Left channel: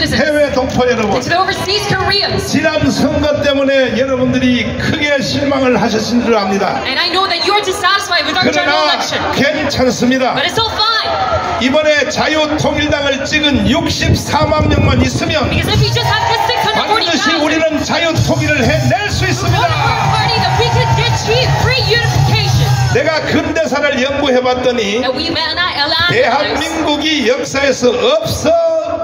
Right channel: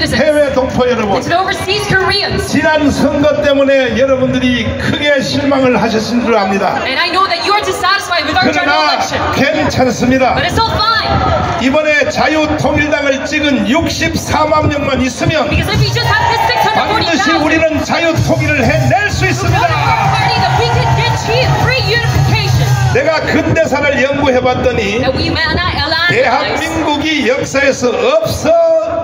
citizens, 해외 동포 여러분, and to the overseas Koreans. 지난 선거 때문에 여러분들이 크게 실망을 하셨을 줄 압니다. And I know that you are dissatisfied with our general 그러나 election, 괜찮습니다. but it's all fine. 이번에 자유통일당을 찍은 64만 명만 있으면 Because if we just have this 반드시 640,000 우리는 자유통일을 해낼 수 있습니다. party, that we can achieve free unification. 내가 근대사를 연구해봤더니 That we may not allow 대한민국이 역사에서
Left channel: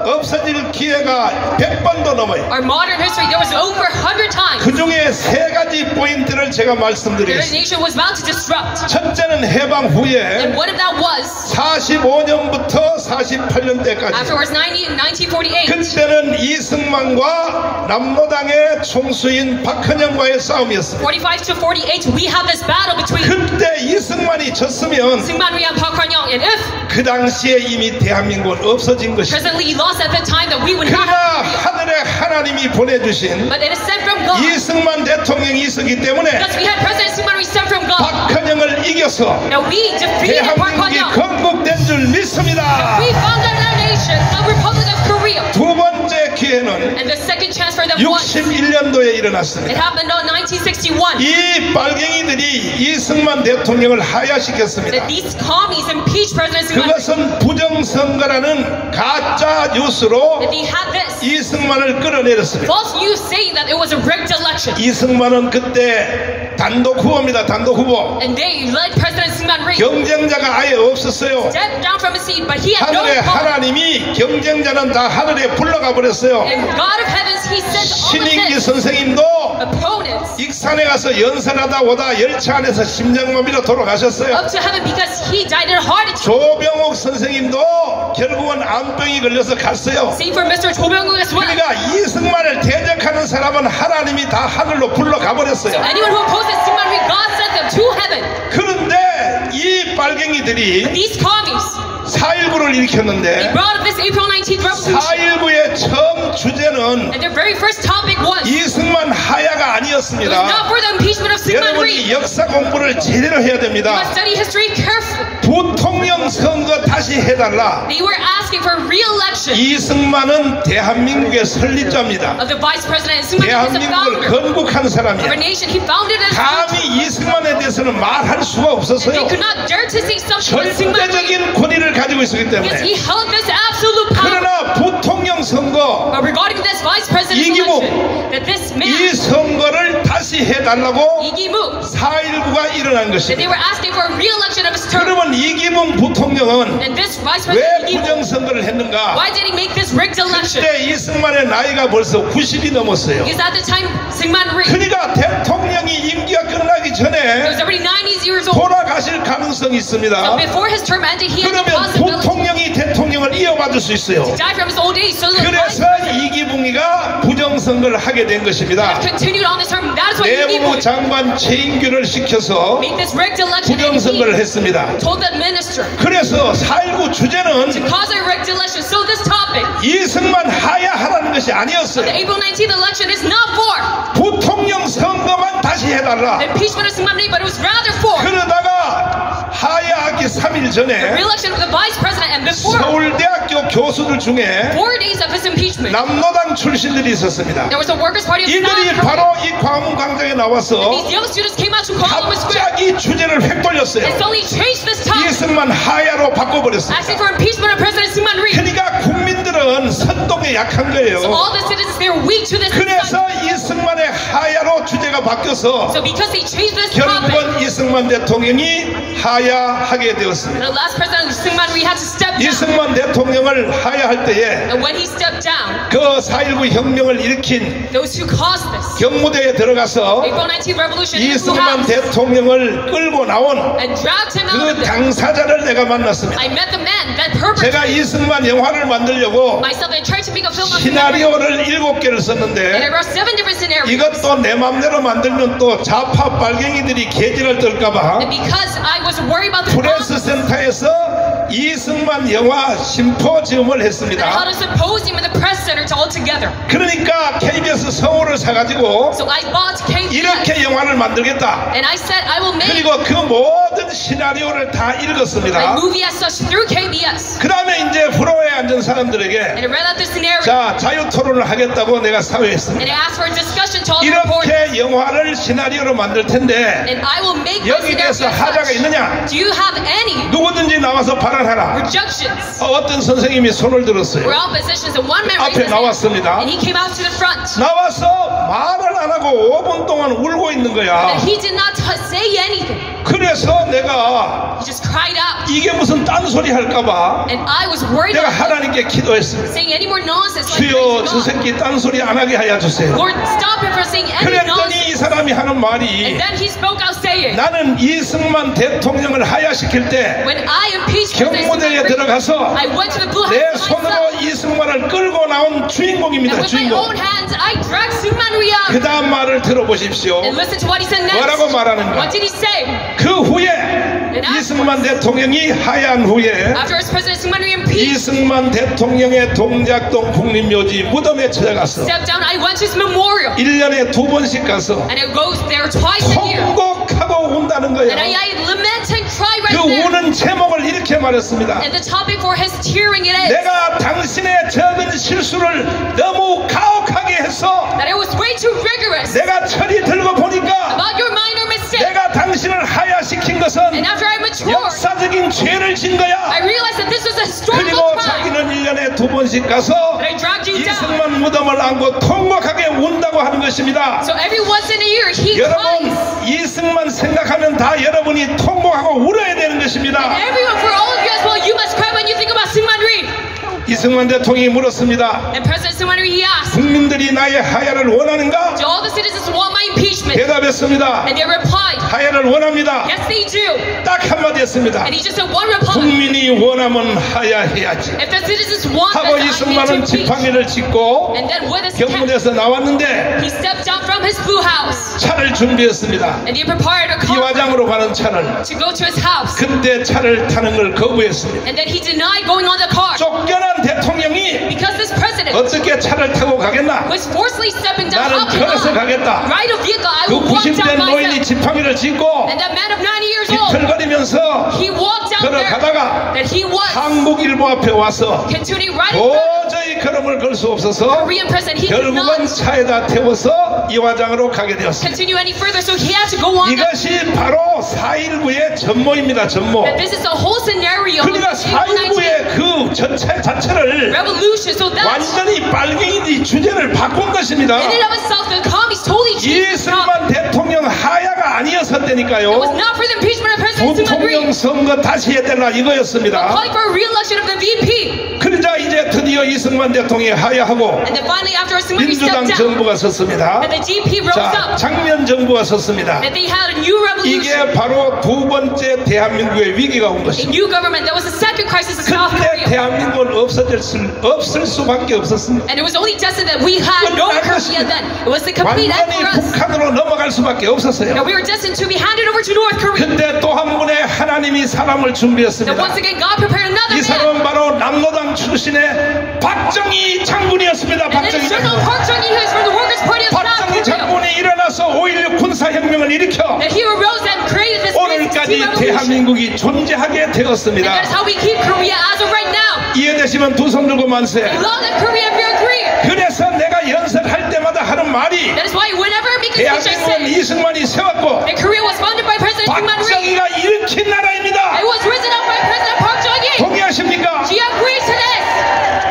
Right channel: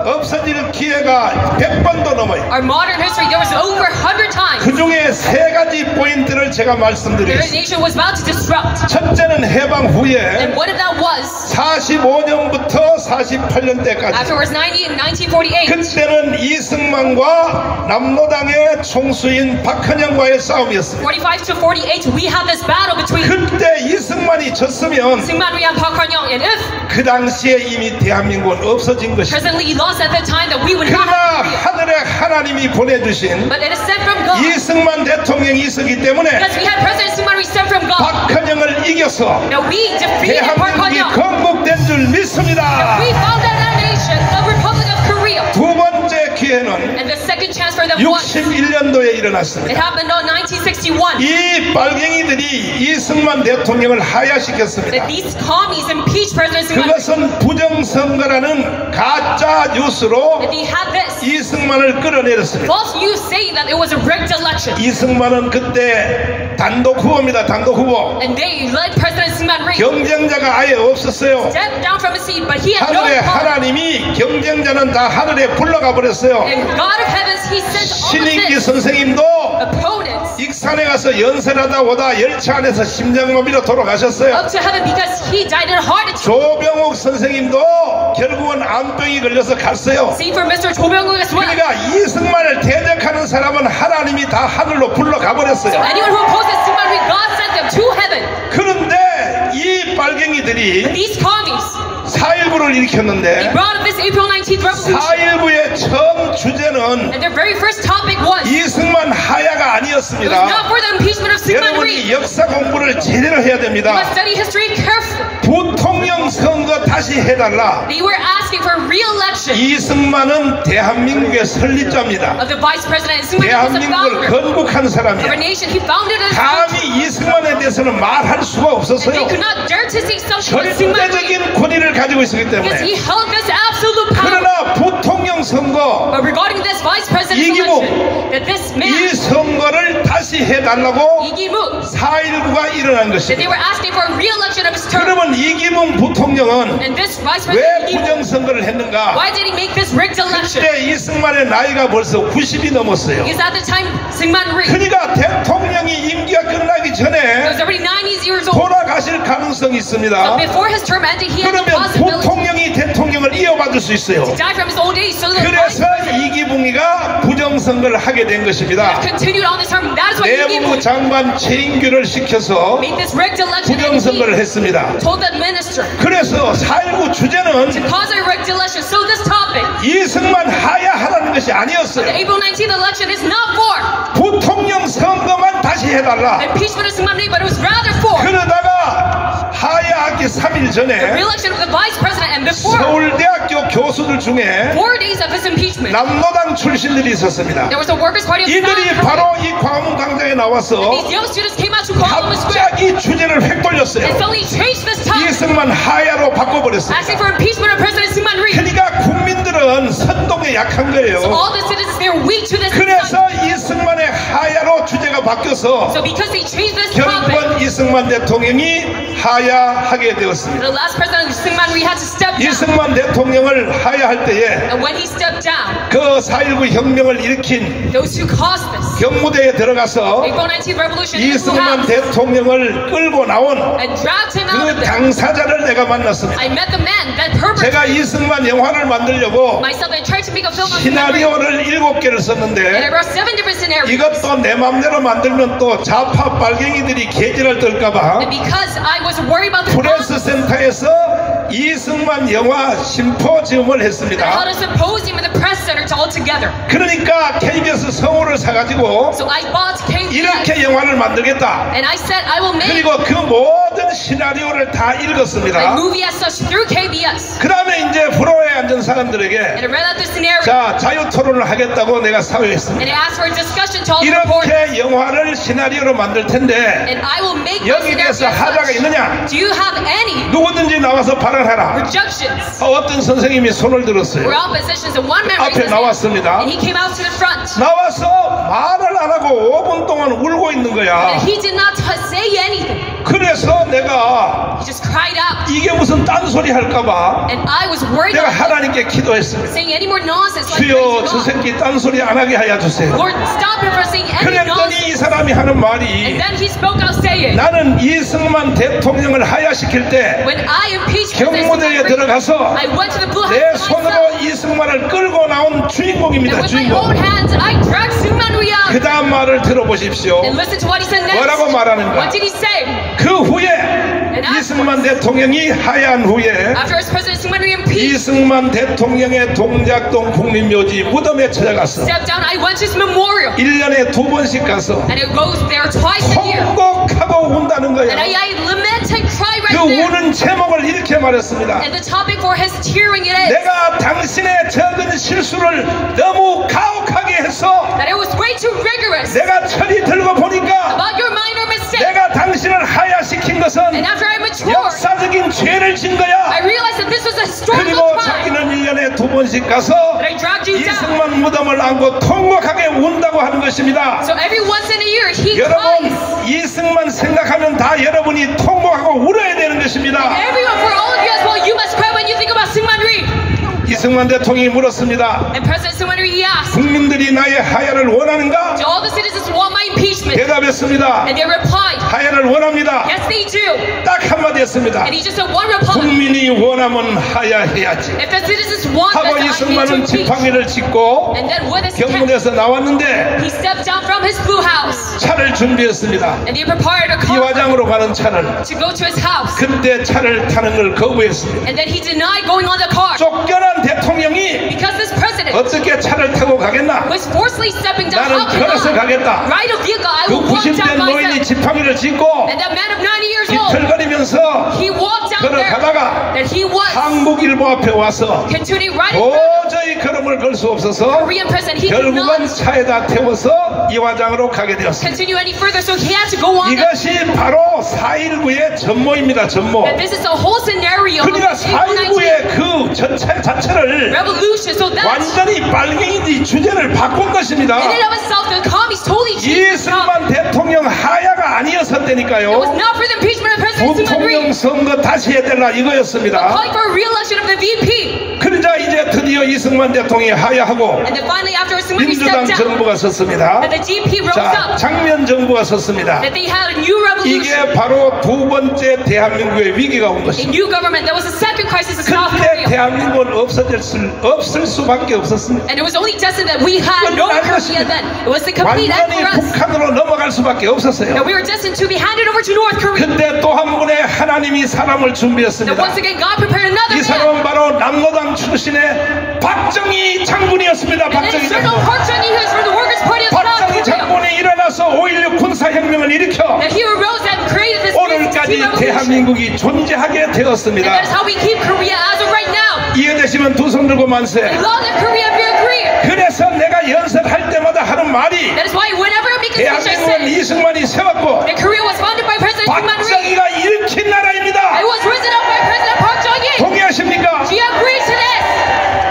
없어질 기회가 100번도 넘어요. our modern history. There was over 100 times 그 중에 세 가지 포인트를 제가 the 말씀드리겠습니다. nation was about to disrupt. 첫째는 해방 후에 And what if that was 45년부터 48년 때까지 afterwards 1948? 그때는 이승만과 남로당의 총수인 박헌영과의 싸움이었습니다. 45 to 48, we had this battle between 그때 이승만이 졌으면 Syngman Rhee and Park Han-young, and if 그 당시에 이미 대한민국은 없어진 것입니다. President Lee lost at that time, that we would not 그러나 have Korea. 하늘에 하나님이 보내주신 But it is sent from God. 이승만 대통령이 있었기 때문에 Because we had President Syngman Rhee sent from God. 박헌영을 이겨서 Now we defeated Park 대한민국이 Han-young. 건국된 줄 믿습니다. We founded our nation, the Republic of Korea. 두 번째 기회는 And the second chance for them was, 61년도에 it 일어났습니다. happened in 1961. 이 빨갱이들이 이승만 대통령을 하야시켰습니다. That these commies impeached President Syngman Rhee. 그것은 부정선거라는 가짜 뉴스로 That they had this 이승만을 끌어내렸습니다. false news saying that it was a rigged election. 이승만은 그때 단독 후보입니다. 단독 후보. And they led President Syngman Rhee 경쟁자가 아예 없었어요. stepped down from his seat, but he had no 하늘의 opponent. 하나님이 경쟁자는 다 하늘에 불러가 버렸어요. And God of heavens, he sent all 신인기 of his 선생님도 opponents 익산에 가서 연설하다 오다 열차 안에서 심장마비로 돌아가셨어요. up to heaven because he died in a heart attack. 조병옥 선생님도 결국은 암병이 걸려서 갔어요. Same for Mr. Cho Byung-wook as well. 그러니까 이승만을 대적하는 사람은 하나님이 다 하늘로 불러가 버렸어요. Anyone who opposes Syngman Rhee, God sent them to heaven. 그런데 이 빨갱이들이 These commies, 4.19를 they 일으켰는데 brought up this April 19th revolution. 4.19의 처음 주제는 And their very first topic was, it 이승만 하야가 was 아니었습니다. not for the impeachment of Syngman 여러분이 Rhee. 역사 공부를 제대로 해야 You must 됩니다. study history carefully. 부통령 선거 다시 해달라. They were asking for re-election 이승만은 대한민국의 설립자입니다. of the vice president. And Syngman Rhee was the 대한민국을 founder 건국한 of a 사람이에요. nation. He founded it. 감히 이승만에 대해서는 말할 수가 They 없었어요. could not dare to say something with Syngman Rhee 절대적인 권위를 가지고 있었기 because 때문에. he held this absolute power. 그러나 부통령 선거 But regarding this vice president 이기묵, election, that this 이 man, 선거를 다시 해달라고 Lee-gi-mook, 4.19가 일어난 that they 것입니다. were asking for a re-election of his term. 그러면 이기문 부통령은 And this vice 왜 president Lee-gi-mook, 부정선거를 했는가? why did he make this rigged election? 그때 이승만의 나이가 벌써 90이 넘었어요. Because at the time, Syngman Rhee 그러니까 대통령이 임기가 끝나기 was 전에 already 90 years old. 돌아가실 가능성이 있습니다. So before his term ended, he had the 그러면 possibility 부통령이 대통령을 이어받을 수 있어요. to die from his old age. So the vice 그래서 이기붕이가 부정선거를 하게 된 것입니다. continued on this term. That is why 내무부 Lee-gi-mook 장관 최인규를 시켜서 made this rigged election. And 부정선거를 he 했습니다. told the minister 그래서 4.19 주제는 to cause a rigged election. So this topic, 이승만 하야하라는 것이 the 아니었어요. April 19th election, is not for 부통령 선거만 다시 해달라. the impeachment of Syngman Rhee, but it was rather for 그러다가 하야하기 3일 the 전에 re-election of the vice president. And before 서울대학교 교수들 중에 4 days of his impeachment, 남노당 출신들이 있었습니다. there was a workers' party of 이들이 South 바로 Korea. 이 광화문 광장에 나와서 These young students came out to Parliament Square 갑자기 주제를 획 and 돌렸어요. suddenly changed this topic, 이승만 하야로 바꿔버렸어요. asking for impeachment of President Syngman Rhee. 그러니까 국민들은 선동에 약한 거예요. All the citizens, they're weak to this. 그래서 이승만의 하야로 주제가 바뀌어서 So because they changed this topic, 결국은 이승만 대통령이 하야하게 되었습니다. the last president Syngman Rhee had to step down. 이승만 대통령을 하야할 때에 And when he stepped down, 그 4.19 혁명을 일으킨 those who caused this, 경무대에 들어가서 April 19th revolution, who 이승만 had 대통령을 끌고 나온 and dragged him out of 그 there. 당사자를 내가 만났습니다. I met the man that perpetrated. 제가 이승만 영화를 만들려고 Myself and tried to make a film of Syngman Rhee. 시나리오를 7개를 And I 썼는데 wrote 7 different scenarios. 이것도 내 맘대로 만들면 또 좌파 빨갱이들이 개지를 떨까봐 And because I was worried about the 프레스 센터에서 이승만 영화 심포지움을 I held 했습니다. a symposium in the press center all together. 그러니까 KBS 성우를 사가지고 So I bought KBS 이렇게 영화를 만들겠다. and I said I will make 그리고 그 모든 모든 시나리오를 다 읽었습니다. like movie as such through KBS. 그 다음에 이제 프로에 앉은 사람들에게 And I read out the scenario. 자, 자유 토론을 하겠다고 내가 사회했습니다. And I asked for a discussion to all the reporters. 이렇게 영화를 시나리오로 만들 텐데 And I will make my 여기 scenario 대해서 as 하자가 such. 있느냐? Do you have any 누구든지 나와서 발언하라. objections 어떤 선생님이 손을 들었어요. or oppositions? And one man raised 앞에 his hand. 나왔습니다. And he came out to the front. 나와서 말을 안 하고 5분 동안 울고 있는 거야. And he did not say anything. 그래서 내가 He just cried out. 이게 무슨 딴소리 할까봐 And I was worried 내가 about 하나님께 기도했어요. saying any more nonsense. Like 주여 저 God. 새끼 딴소리 안 하게 하여 주세요. Lord, stop him from saying any nonsense. 그랬더니 이 사람이 하는 And 말이 then he spoke out saying, 나는 이승만 대통령을 하야시킬 때 when I impeached President 경무대에 Singh, 들어가서 I went to the Blue 내 House by myself. 손으로 이승만을 끌고 나온 And 주인공입니다. with my 주인공. own hands, I dragged Suman Rui out. 그 다음 말을 들어보십시오. And listen to what he said next. 뭐라고 말하는가? What did he say? 그 후에 이승만 대통령이 하야한 후에 After President Suman Rui impeached, 이승만 대통령의 동작동 국립묘지 무덤에 찾아갔어. stepped down, I went to his memorial. 1년에 2번씩 가서 And it goes there twice a year. 통곡하고 운다는 And 거예요. I lament and cry 그 right there. 우는 제목을 이렇게 말했습니다. And the topic for his tearing it is 내가 당신의 적은 실수를 너무 가혹하게 했어. that it was way too rigorous 내가 철이 들고 보니까 about your minor mistake. 내가 당신을 하야시킨 것은 And after I matured, 역사적인 죄를 진 I 거야. realized that this was a historical 그리고 crime. 자기는 1년에 2번씩 가서 But I dragged you down. 이승만 무덤을 안고 통곡하게 운다고 하는 것입니다. So every once in a year, he 여러분, cries. 이승만 생각하면 다 여러분이 통곡하고 울어야 되는 것입니다. Everyone, for all of you as well, you must cry when you think about Syngman Rhee. 이승만 대통령이 물었습니다. And President Syngman Rhee, he asked, 국민들이 나의 하야를 원하는가? do all the citizens want my impeachment? 대답했습니다. And they replied, 하야를 원합니다. yes, they do. 딱 한마디 했습니다. And he just said one reply. 국민이 원하면 하야해야지. If the citizens want this, 하고 I need to 이승만은 impeach. 지팡이를 짚고 And then with his 경문에서 나왔는데 he stepped down from his blue house. 차를 준비했습니다. And he prepared a car 이화장으로 가는 차를. to go to his house. 그때 차를 타는 걸 거부했습니다. And then he denied going on the car. 쫓겨난 대통령이 Because this president 어떻게 차를 타고 가겠나? was forcibly stepping down. 나는 How can 걸어서 I 가겠다. ride a vehicle? I 그 will walk 90대 down 노인이 myself. 지팡이를 짚고 And that man of 90 years old, 비틀거리면서 he walked down there. 걸어가다가 That he was 한국일보 앞에 와서 continuing riding for 도저히 걸음을 걸 수 없어서 Korean president. He could 결국은 not 차에다 태워서 이화장으로 가게 되었습니다. continue any further, so he had to go on. 이것이 바로 4.19의 전모입니다. 전모. That this is the whole scenario of 그러니까 the April 19th 4.19의 그 전체 자체를 revolution. So that 완전히 빨갱이 주제를 바꾼 것입니다. in and of itself, the commies totally changed the topic. 이승만 대통령 하야가 It was 아니었었다니까요. not for the impeachment of President Syngman 부통령 Rhee, 선거 다시 해달라 이거였습니다. calling for a re-election of the VP. 그러자 이제 드디어 이승만 대통령이 하야하고 And then finally, after Syngman Rhee 민주당 stepped down, 정부가 섰습니다. that the GP rose 자, up, 장면 정부가 섰습니다. that they had a new revolution, 이게 바로 두 번째 대한민국의 위기가 온 a 것입니다. new government. That was the second crisis in South 그때 Korea. 대한민국은 없을 수밖에 없었습니다. And it was only destined that we had no Korea then. It was the complete end 완전히 for us. 북한으로 넘어갈 수밖에 없었어요. That we were destined to be handed over to North Korea. 근데 또 한 분의 하나님이 사람을 That 준비했습니다. once again God prepared another 이 man. 사람은 바로 남로당 출신의 박정희 장군이었습니다. And then 박정희 General 장군. Park Chung-hee, who is from the Workers' Party of South 박정희 Korea. 장군이 일어나서 5.16 군사혁명을 일으켜 That he arose and created this 오늘까지 revolution. 대한민국이 존재하게 And that 되었습니다. is how we keep Korea as of right now. 이해되시면 두 손 들고 만세. Love that Korea, fear Korea. 그래서 내가 연설할 때마다 하는 말이 That is why whenever I make a speech, I 대한민국은 say 이승만이 세웠고 that Korea was founded by President Syngman Rhee. 박정희가 일으킨 나라입니다. It was risen up by President Park Chung-hee. 동의하십니까? Do you agree to this?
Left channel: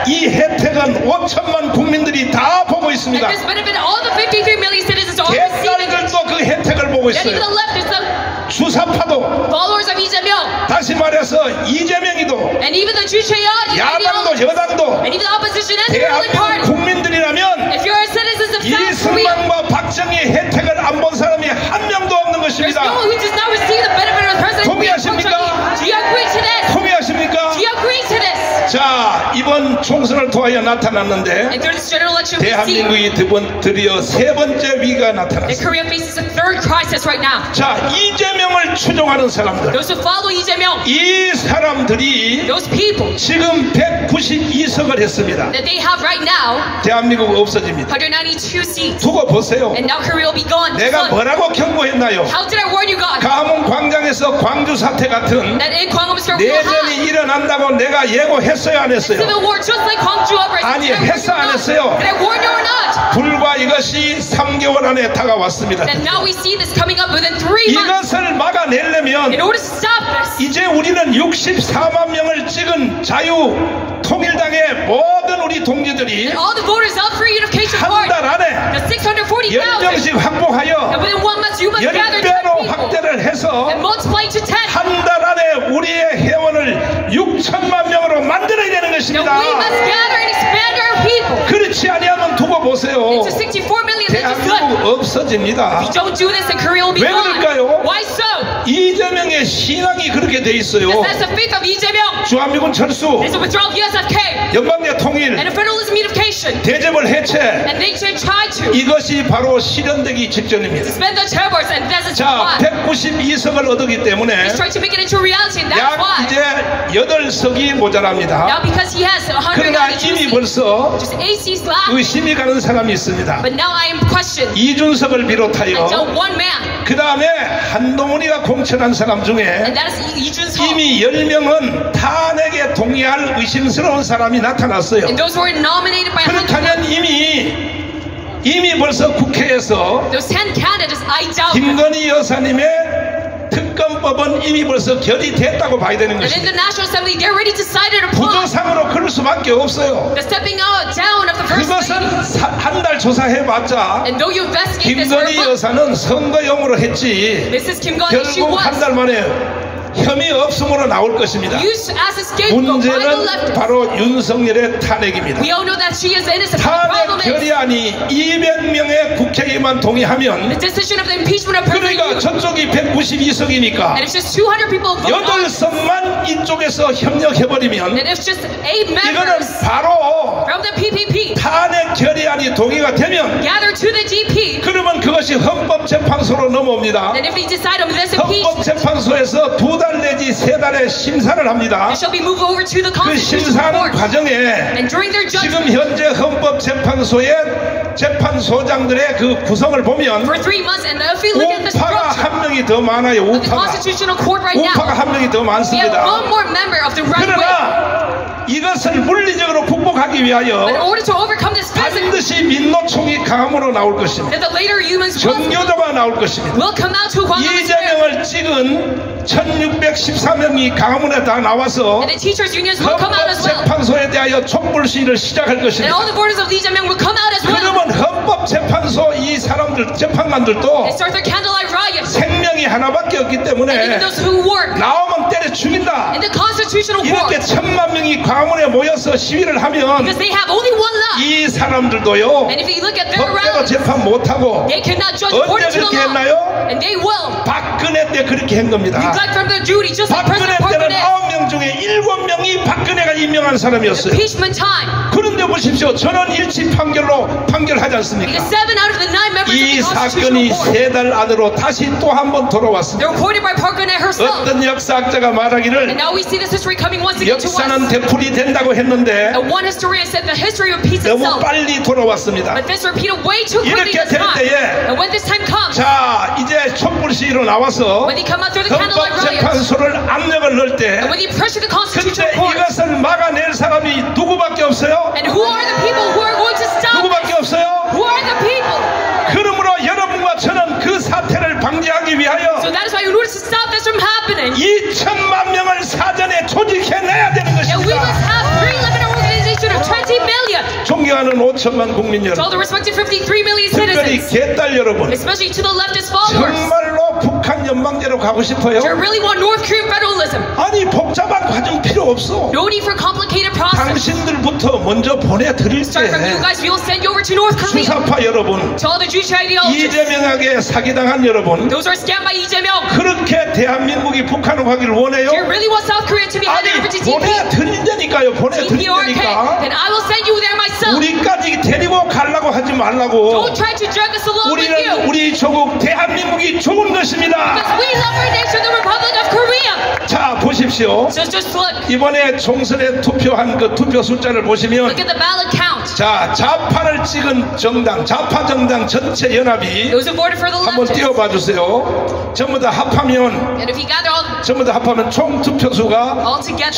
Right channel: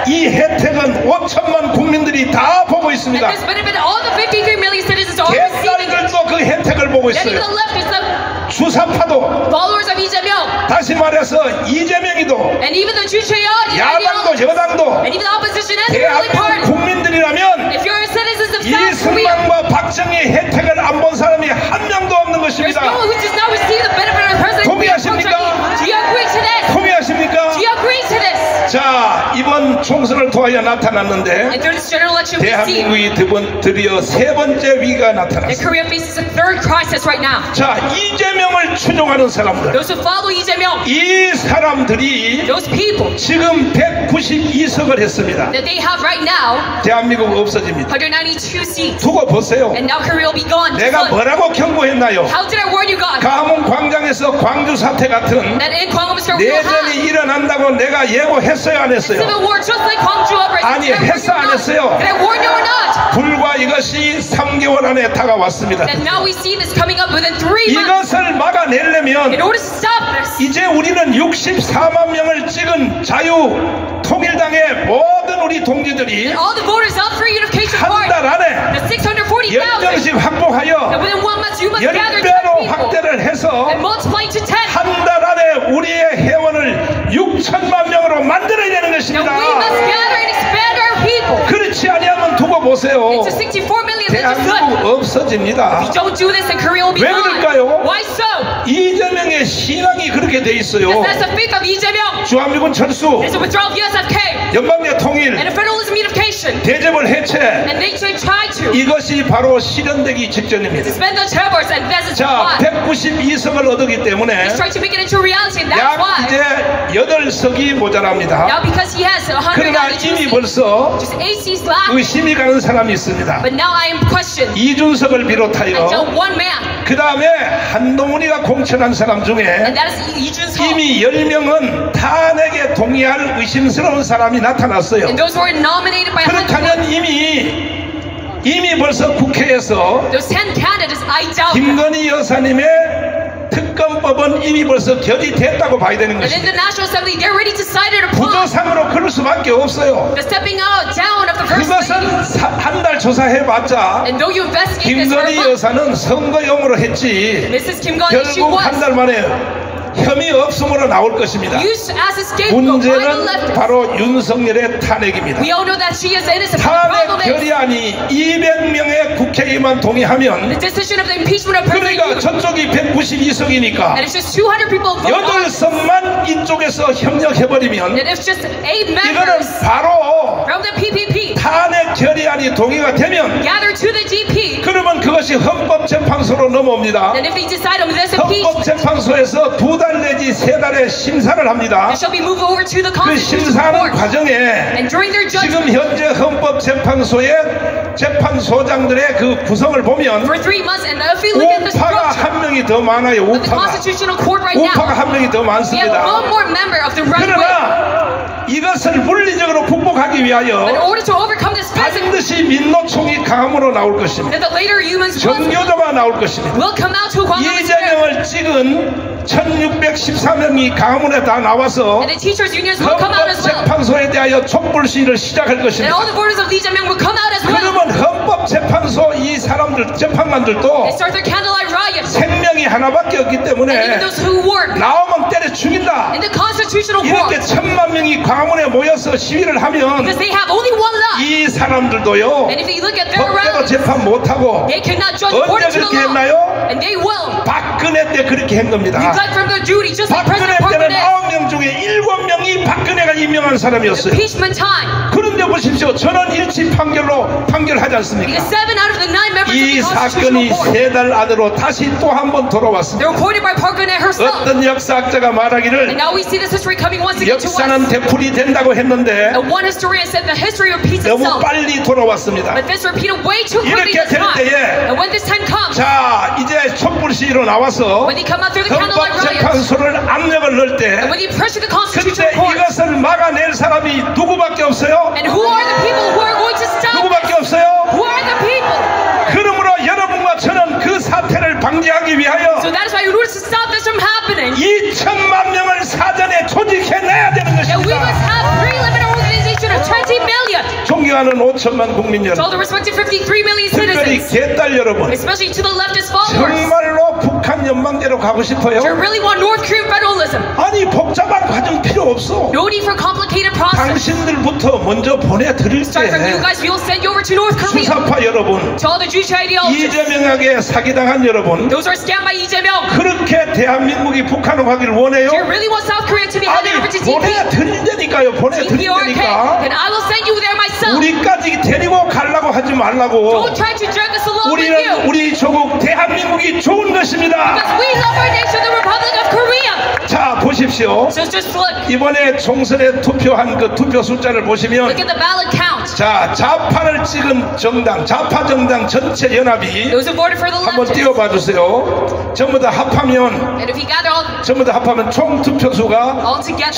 이 혜택은 5천만 국민들이 다 보고 And 있습니다. this benefit, all the 53 million citizens are receiving it. 대가리들도 그 혜택을 보고 That even 있어요. the leftists, the 주사파도 followers of Lee Jae-myung, 다시 말해서 이재명이도 and even the Chu Chae-yeon, 야당도 여당도 and even the opposition and the ruling 대한민국 party. 국민들이라면 If you're citizens of South Korea, 이승만과 박정희 혜택을 안 본 사람이 한 명도 없는 there's 것입니다. no one who does not receive the benefit of President Park 동의하십니까? Chung-hee. Do you agree to this? 동의하십니까? Do you agree to this? 자, 이번 총선을 통하여 나타났는데 And through this general election, we see 대한민국이 드디어 세 번째 위기가 that 나타났습니다. Korea faces a third crisis right now. 자, 이재명을 추종하는 사람들, Those who follow Lee Jae-myung, 이 사람들이 those people 지금 192석을 했습니다. that they have right now, 대한민국 없어집니다. 192 seats. 두고 보세요. And now Korea will be gone. 내가 뭐라고 경고했나요? How did I warn you guys? 가문 광장에서 광주 사태 같은 That in Gwangwon Square we will 내전이 have 일어난다고 내가 예고했어요, 안 했어요? civil war just like Gwangju uprising. 아니, Did I warn 했어, you or 안 not? 했어요? Did I warn you or not? 불과 이것이 3개월 안에 다가왔습니다. And now we see this coming up within 3 months. 이것을 In 막아내려면 order to stop this, 이제 우리는 64만 명을 찍은 자유통일당의 모든 우리 동지들이 all the voters of Free Unification 한 Party, 달 안에 the 640,000, 10명씩 and 확보하여 within 1 month you must gather 10 10배로 people 확대를 해서 and multiply to 10. 한 달 안에 우리의 회원을 6천만 명으로 만들어야 되는 Now 것입니다. we must gather and expand our people. 그렇지 아니하면 두고 보세요. It's a 64 million that just left. 대한민국 없어집니다. If you don't do this, then Korea will be 왜 gone. 그럴까요? Why so? 이재명의 신앙이 그렇게 돼 있어요. That's the faith of Lee Jae-myung. 주한미군 철수, It's a withdrawal of USFK 연방제 통일, and a federalism unification. 대접을 해체, And they should try to 이것이 바로 실현되기 직전입니다. suspend the terrors, and this is 자, why. 192석을 얻었기 때문에 He's trying to make it into reality, and that's 약 why. 이제 8석이 모자랍니다. Now because he has 그러나 192 이미 seats, 벌써 just 8 seats left. 의심이 가는 사람이 있습니다. But now I am questioned. 이준석을 Until 비롯하여 one man, 그 다음에 한동훈이가 공천한 사람 중에 and that is Lee Jun-seok. 이미 10명은 탄핵에 동의할 의심스러운 사람이 나타났어요. And those who were nominated by 그렇다면 이미 벌써 국회에서 those 10 candidates, I doubt. 김건희 여사님의 특검법은 이미 벌써 결의됐다고 봐야 되는 And in 것입니다. the National Assembly, they already decided upon 구조상으로 그럴 수밖에 없어요. the stepping out down of the first 그것은 lady. 한 달 조사해봤자 And though you investigate this for a 김건희 month, 여사는 선거용으로 했지 Mrs. Kim Gon, she 결국 was 한 달 만에 혐의 없음으로 나올 것입니다. used as a scapegoat by the 문제는 left. 바로 윤석열의 탄핵입니다. We all know that she is innocent. The problem 탄핵 is 결의안이 200명의 국회의원만 동의하면 the decision of the impeachment of 그러니까 President. 저쪽이 192석이니까 And if just 200 people vote on, 8석만 이쪽에서 협력해버리면 and if just 8 이거는 members 바로 from the PPP 탄핵 결의안이 동의가 되면 gather to the GP, 그러면 그것이 헌법재판소로 넘어옵니다. then if they decide on this impeachment, 헌법재판소에서 2달 내지 3달의 심사를 합니다. it shall be moved over to the 그 Constitutional 심사하는 Court. 과정에 And during their 지금 judgment, 현재 헌법재판소의 재판소장들의 그 구성을 보면 for 3 months, and if we look at the 우파가 structure 한 명이 더 많아요. of the 우파가 Constitutional Court right 우파가 now, 한 명이 더 we have 많습니다. one more member of the right wing. 그러나 이것을 물리적으로 극복하기 In 위하여 order to overcome this present, 반드시 민노총이 강함으로 나올 것입니다. that the later humans will 정교조가 나올 것입니다. come out to Gwangwon Square. 이재명을 찍은 1614명이 강화문에 다 나와서 And the teachers' unions will come out as well. 헌법재판소에 대하여 촛불 시위를 시작할 And 것입니다. all the voters of Lee Jae-myung will come out as well. 그러면 헌법재판소 이 사람들 재판관들도 They start their candlelight riot. 생명이 하나밖에 없기 And even 때문에 those who work 나오면 때려 죽인다. in the Constitutional 이렇게 Court, 1000만 명이 광화문에 모여서 시위를 하면 because they have only one law. 이 사람들도요 And if you look at their 법대로 rallies, 재판 못하고 they cannot judge 언제 according to the 그렇게 law. 했나요? And they will 박근혜 때 그렇게 한 겁니다. neglect from their duty, just like 박근혜 President 때는 Park 9명 중에 7명이 박근혜가 임명한 사람이었어요. impeachment time. 그런데 보십시오. 전원 일치 판결하지 않습니까? Because 7 out of the 9 members of 이 the 사건이 Constitutional Court, 3달 안으로 다시 또 한 번 돌아왔습니다. they're reported by Park Geun-hye herself. 어떤 역사학자가 And 말하기를 now we see this history coming once again to us. 역사는 되풀이 된다고 했는데 And one historian said the history repeats 너무 itself. 빨리 돌아왔습니다. But this repeated way too quickly 이렇게 this 될 time. 때에 And when this time comes, 자 이제 촛불 시위로 나와서 when they come out through the candlelight riots, 헌법재판소를 압력을 넣을 때 and when they pressure the 그때 Constitutional Court, 이것을 막아낼 사람이 누구밖에 없어요? and who are the people who are going to stop 누구밖에 this? 없어요? Who are the people? 그러므로 여러분과 저는 그 사태를 방지하기 위하여 So that is why in order to stop this from happening, 2천만 명을 사전에 조직해내야 되는 and we must 것입니다. have pre-limited organization of 20 million. 존경하는 5천만 국민 To all 여러분, the respected 53 million 특별히 citizens, 개딸 여러분, especially to the leftist followers, 정말로 북한 연방제로 가고 싶어요? Do you really want North Korean federalism? 아니 복잡한 과정 필요 없어. No need for complicated process. 당신들부터 먼저 보내드릴게. Start from you guys. We will send you over to North Korea. 수사파 여러분, To all the Jewish ideologists. 이재명에게 사기당한 여러분, Those are scammed by Lee Jae-myung. 그렇게 대한민국이 북한으로 가기를 원해요? Do you really want South Korea to be 아니 headed over to DPRK? 보내드린다니까요. 보내드린다니까. Then I will send you there myself. 우리까지 데리고 가려고 하지 말라고. Don't try to drag us along with you. 우리는 우리 조국 대한민국이 좋은 것입니다. Because we love our nation, the Republic of Korea. 자 보십시오. So just look. 이번에 총선에 투표한 그 투표 숫자를 보시면 Look at the ballot count. 자 좌파를 찍은 정당, 좌파 정당 전체 연합이 Those who voted for the 한번 leftists. 띄워봐 주세요. 전부 다 합하면 And if you gather all 전부 다 합하면 총 투표수가 together,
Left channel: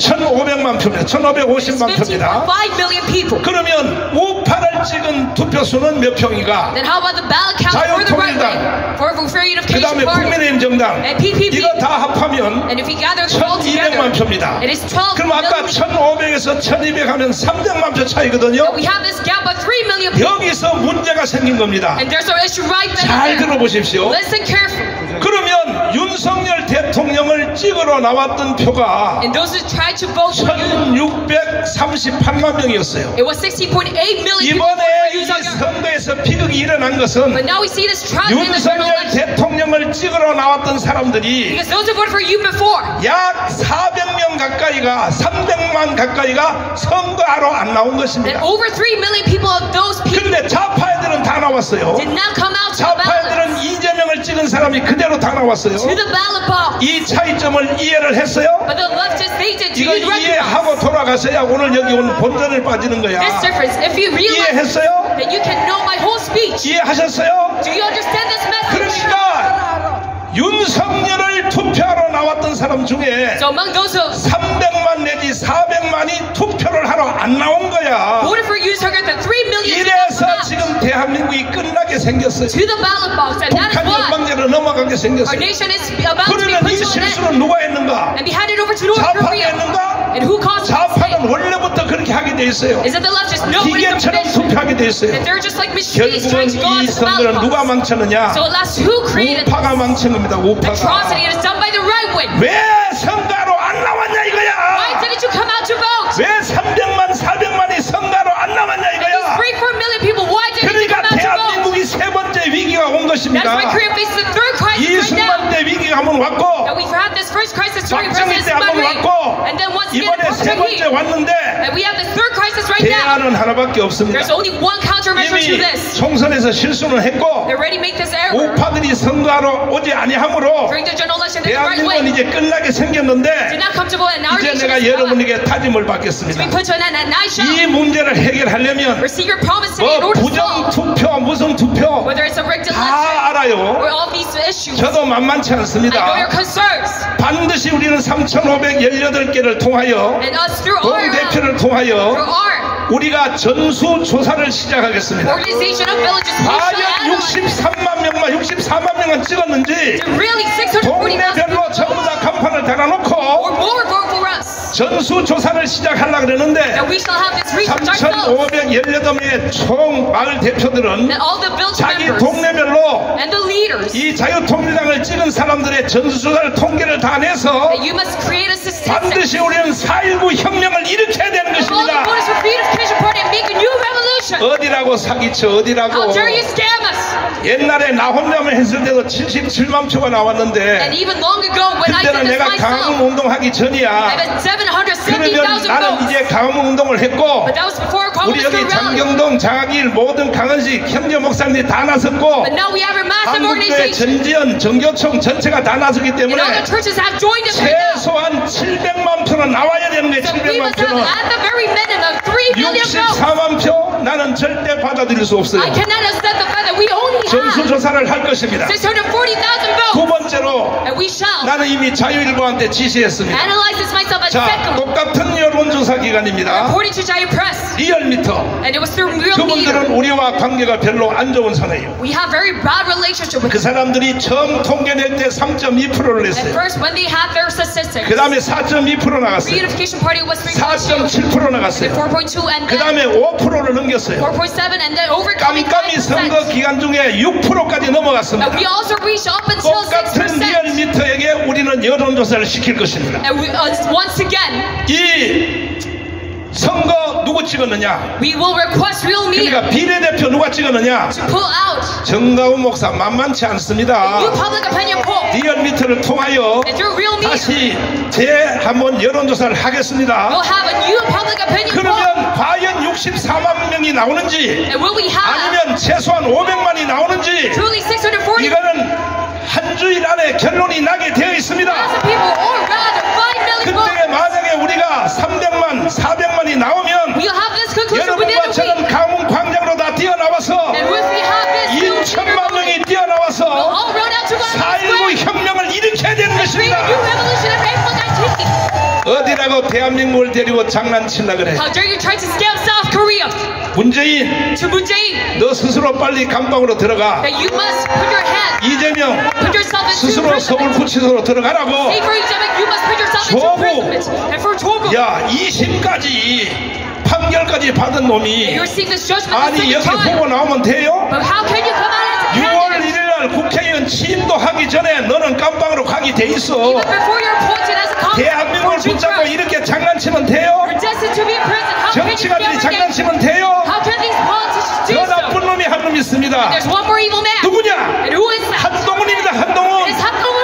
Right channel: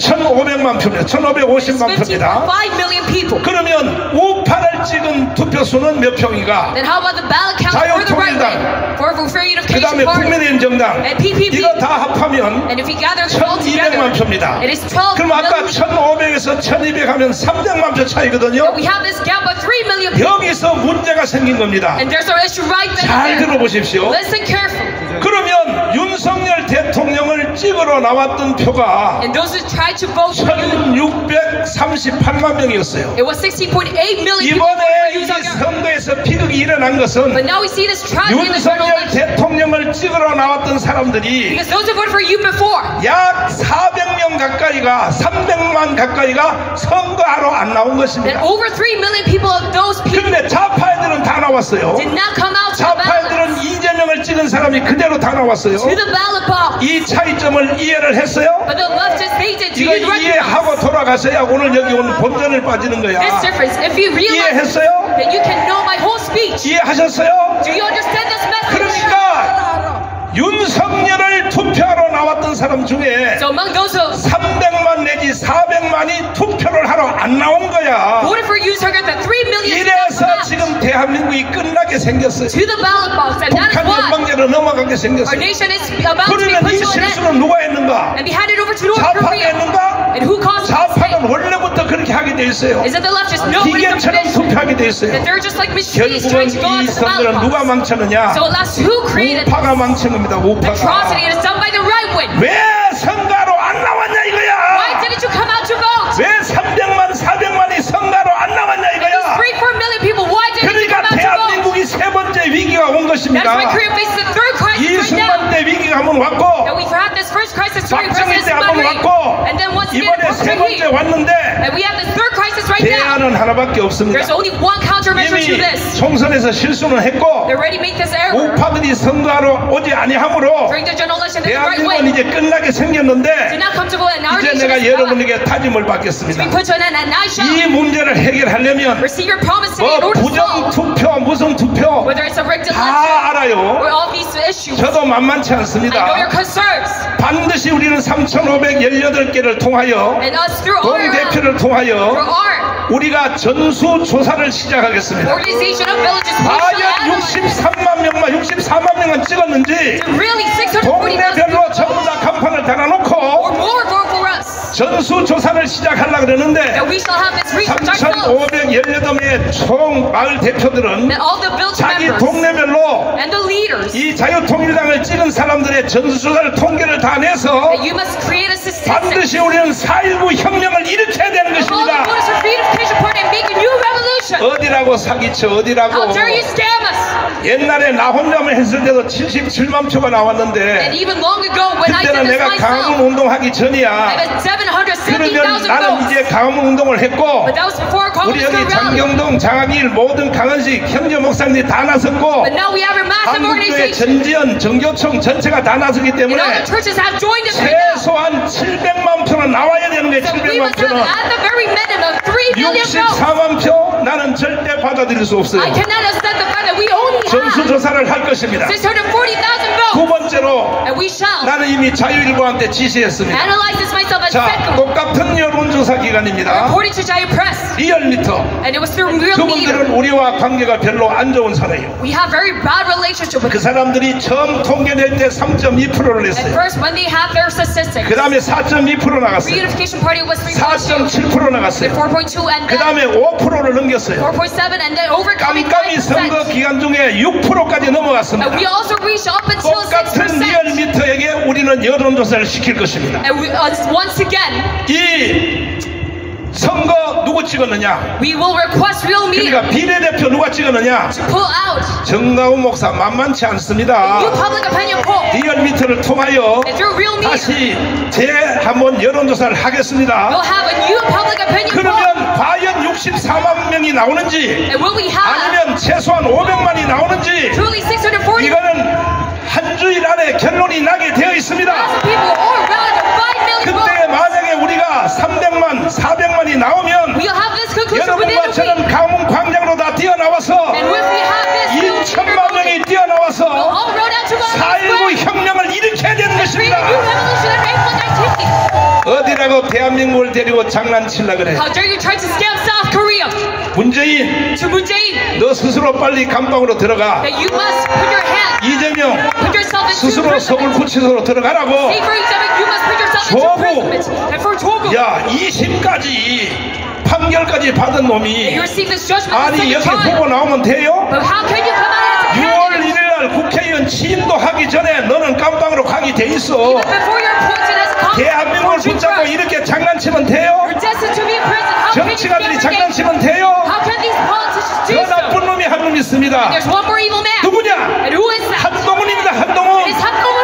1,500만 표입니다. 1,550만 표입니다. 5 million people. 그러면 우파를 찍은 투표수는 몇 표인가? Then how about the ballot count for the right wing? For 그 Unification 다음에 Party. 국민의힘 정당 And PPP. 이거 다 합하면 And if you gather them all 1,200만 together, 표입니다. it is 12 그럼 아까 million. 1,500에서 1,200 하면 300만 표 차이거든요. We have this gap of 3 million people. 여기서 문제가 생긴 겁니다. And there's our issue right 잘 there. 들어보십시오. Listen carefully. 그러면 윤석열 대통령을 찍으러 나왔던 표가 And those who tried to vote for you, 1,638만 명이었어요. it was 16.8 million people 이번에 for 이 Yoon 선거에서 비극이 일어난 것은 But now we see this tragedy in the general 윤석열 election. 대통령을 찍으러 나왔던 사람들이 Because those who voted for you before, 약 400명 가까이가 300만 가까이가 선거하러 안 나온 that 것입니다. over 3 million people of those people 그런데 좌파애들은 다 나왔어요. did not come out to the ballot. 좌파애들은 이재명을 찍은 사람이 그대로 다 나왔어요. To the ballot box. 이 차이점을 이해를 했어요? But the leftists, they did. Do 이거 you recognize 이해하고 돌아가셔야 오늘 여기 오늘 본전을 빠지는 거야. this difference? If you realize, 이해했어요? then you can know my whole speech. 이해하셨어요? Do you understand this message? 그러니까 윤석열을 투표하러 나왔던 사람 중에 So among those who 300만 내지 400만이 투표를 하러 안 나온 거야. voted for you, target the 3 million did not 이래서 come out 지금 대한민국이 끝나게 생겼어요. to the ballot box, and that is 북한 why 연방제로 넘어가게 our 생겼어요. nation is about to be 그러면 put 이 to an end 실수는 누가 했는가? and be handed over to North 좌파가 Korea. 했는가? And who caused this mistake? 좌파는 원래부터 그렇게 하게 돼 있어요. Is it the leftists? No, it's the 기계처럼 tradition. 투표하게 돼 있어요. That they're just like machines trying 결국은 to go 이 into the 선거는 ballot 누가 box. 망쳤느냐? So last, who created this 우파가 망친 겁니다. 우파가. atrocity? It is done by the right wing. 왜 선거로 안 나왔냐 Why 이거야? didn't you come out to vote? 왜 300만 400만이 선거로 안 나왔냐 These 이거야? 3-4 million people, why didn't you come 그러니까 out to vote? 대한민국이 세 번째 위기가 온 That's 것입니다. why Korea faces the third crisis right 이승만 now. 때 위기가 한번 That 왔고 we've had this first crisis during 박정희 President 때 한번 Syngman Rhee. 왔고 And then once again, 이번에 세 번째 Park 왔는데 And we have this third crisis right now. 대안은 하나밖에 없습니다. There's only one countermeasure to 이미 this. 총선에서 실수는 했고 They already make this error. 우파들이 선거하러 오지 아니하므로 During the general election, the right 대한민국은 wing 이제 끝나게 did 생겼는데 not come to vote, and our 이제 nation 내가 is 여러분에게 다짐을 we 받겠습니다. put to an end, and I 이 shall 문제를 해결하려면 receive your promise today in 뭐 order to 부정 solve, 투표 무슨 투표 whether it's a rigged election 다 알아요. or all these issues. 저도 만만치 I know 않습니다. your concerns, 반드시 우리는 3,518개를 통하여 and us through our 동대표를 통하여 우리가 전수조사를 시작하겠습니다. organization of villages, we 과연 shall analyze 63만 명만 64만 명은 찍었는지 really 640,000 동네별로 전부 다 간판을 or 달아놓고 more vote for us. 전수조사를 시작하려고 그러는데 That we shall have this research ourselves. 3,518명의 총 마을 대표들은 That all the village 자기 members 동네별로 and the leaders, 이 자유통일당을 찍은 사람들의 전수조사를 통계를 다 내서 that you must create a statistic 반드시 우리는 4.19 혁명을 일으켜야 되는 of all the 것입니다. voters for Unification Party and make a new revolution. 어디라고 사기쳐 How 어디라고. dare you scam us? 옛날에 나 혼자만 했을 때도 77만 표가 And 나왔는데 even long ago when I did 그때는 this 내가 강화문 myself, 운동하기 I 전이야. had 그러면 770,000 나는 votes. 이제 강화문 운동을 했고 But that was before 우리 Congress 여기 got rallied. 장경동, 장학일, 모든 강은식, 현재 목사님들이 다 나섰고 But now we have a massive 한국교회 organization. 전지연, 정교총 전체가 다 나섰기 And all 때문에 the churches have joined us right now. 최소한 700만 표는 나와야 되는 게 So we 700만 must have 표는 at the very minimum 3 million votes. 64만 표 나는 절대 받아들일 수 없어요. I cannot accept the fact that we only have 전수조사를 할 것입니다. 640,000 두 votes. 번째로 And we shall 나는 이미 자유일보한테 지시했습니다. analyze this myself as 자, second. 똑같은 여론조사 기관입니다. According to Jayu Press, 리얼미터. and it was through Real Media. 그분들은 우리와 관계가 별로 안 좋은 사람이에요. We have very bad relationship with 그 them. 사람들이 처음 통계낼 때 3.2%를 At 냈어요. first, when they have their statistics, 그 다음에 4.2% 나갔어요. Reunification Party was 3.2, 4.7% then 나갔어요. 4.2, and 그 then 다음에 5%를 넘겼어요. 4.7, and then overcoming 깜깜이 선거 5%. 기간 중에 6%까지 넘어갔습니다. And we also reached up until 똑같은 6%. 리얼미터에게 우리는 여론조사를 시킬 것입니다. And we, once again, 이 선거 누구 찍었느냐? we will request real media 그러니까 비례대표 누가 찍었느냐? to pull out 정가훈 목사 만만치 않습니다. new public opinion poll. 리얼미터를 통하여 And through real media, 다시 한번 여론조사를 하겠습니다. we'll have a new public opinion poll. 그러면 과연 64만 명이 나오는지 And will we have 아니면 최소한 500만이 나오는지 truly 640,000 이거는 한 주일 안에 결론이 나게 되어 있습니다. people, or rather 5 million 그때 votes? 만약에 우리가 300만, 400만이 나오면 We'll have this conclusion within 여러분과 a 저는 week. 강원 광장으로 다 뛰어나와서 And if we have this, we'll 2천만 명이 we'll 뛰어나와서 all run out to go 4.19 혁명을 일으켜야 되는 create a 것입니다. new revolution and make the activity. 어디라고 대한민국을 데리고 장난치려 그래. How dare you try to scam South Korea? 문재인, To Moon Jae-in, 너 스스로 빨리 감방으로 들어가. that you must put your hand, 이재명, put yourself into 스스로 서울 imprisonment. 구치소로 들어가라고. Say for Ijeong, you must put yourself into 조국. imprisonment. And for Jogo, 야, 2심까지 판결까지 받은 놈이 you're seeing this judgment the 아니 second 여기 time. 보고 나오면 돼요? But how can you come out as a 6월 candidate? 1일날 국회의원 취임도 하기 전에 너는 깜방으로 가게 돼 있어. Even before you're appointed as a congressman, 대한민국을 붙잡고 이렇게 장난치면 돼요? you're destined to be in prison. How can you 정치가들이 fabricate? 장난치면 돼요? How can these politicians do 더 so? 나쁜 놈이 한 놈 있습니다. There's one more evil man. 누구냐? And who is that? 한동훈입니다. It 한동훈. is 한동훈.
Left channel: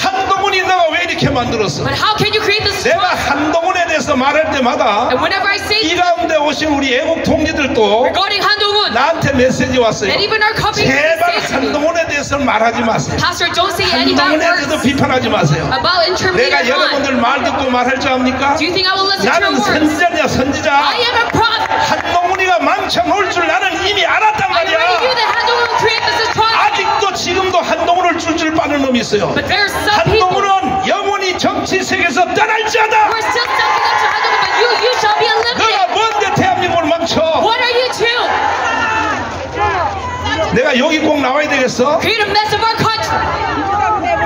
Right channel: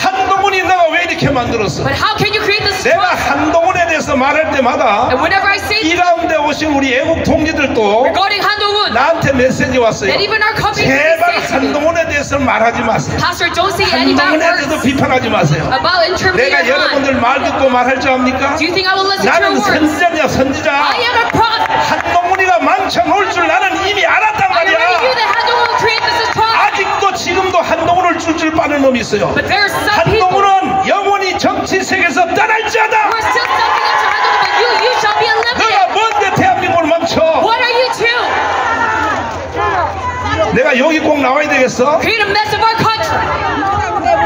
한동훈이 너가 왜 이렇게 만들었어? But how can you create this 내가 trust? 한동훈에 대해서 말할 때마다 And whenever I say 이 가운데 오신 우리 애국 동지들도 regarding 한동훈, 나한테 메시지 왔어요. and even our company 제발 say to me, 한동훈에 대해서 말하지 마세요. Pastor, don't say any bad 한동훈에 대해서 words 비판하지 마세요. about interpreting 내가 your mind. 여러분들 말 듣고 말할 줄 압니까? Do you think I will listen to your 나는 words? 선지자냐 선지자. I am a prophet. 한동훈이가 망쳐놓을 줄 나는 이미 알았단 I already knew 말이야. that 한동훈 will create this atrocity. 아직도 지금도 한동훈을 줄줄 빠는 놈이 있어요. But there are some people who 한동훈은 영원히 정치 세계에서 떠날지어다. are still standing up to 한동훈, but you shall be eliminated. 너가 뭔데 대한민국을 망쳐? What are you to? 내가 여기 꼭 나와야 되겠어? Create a mess of our country.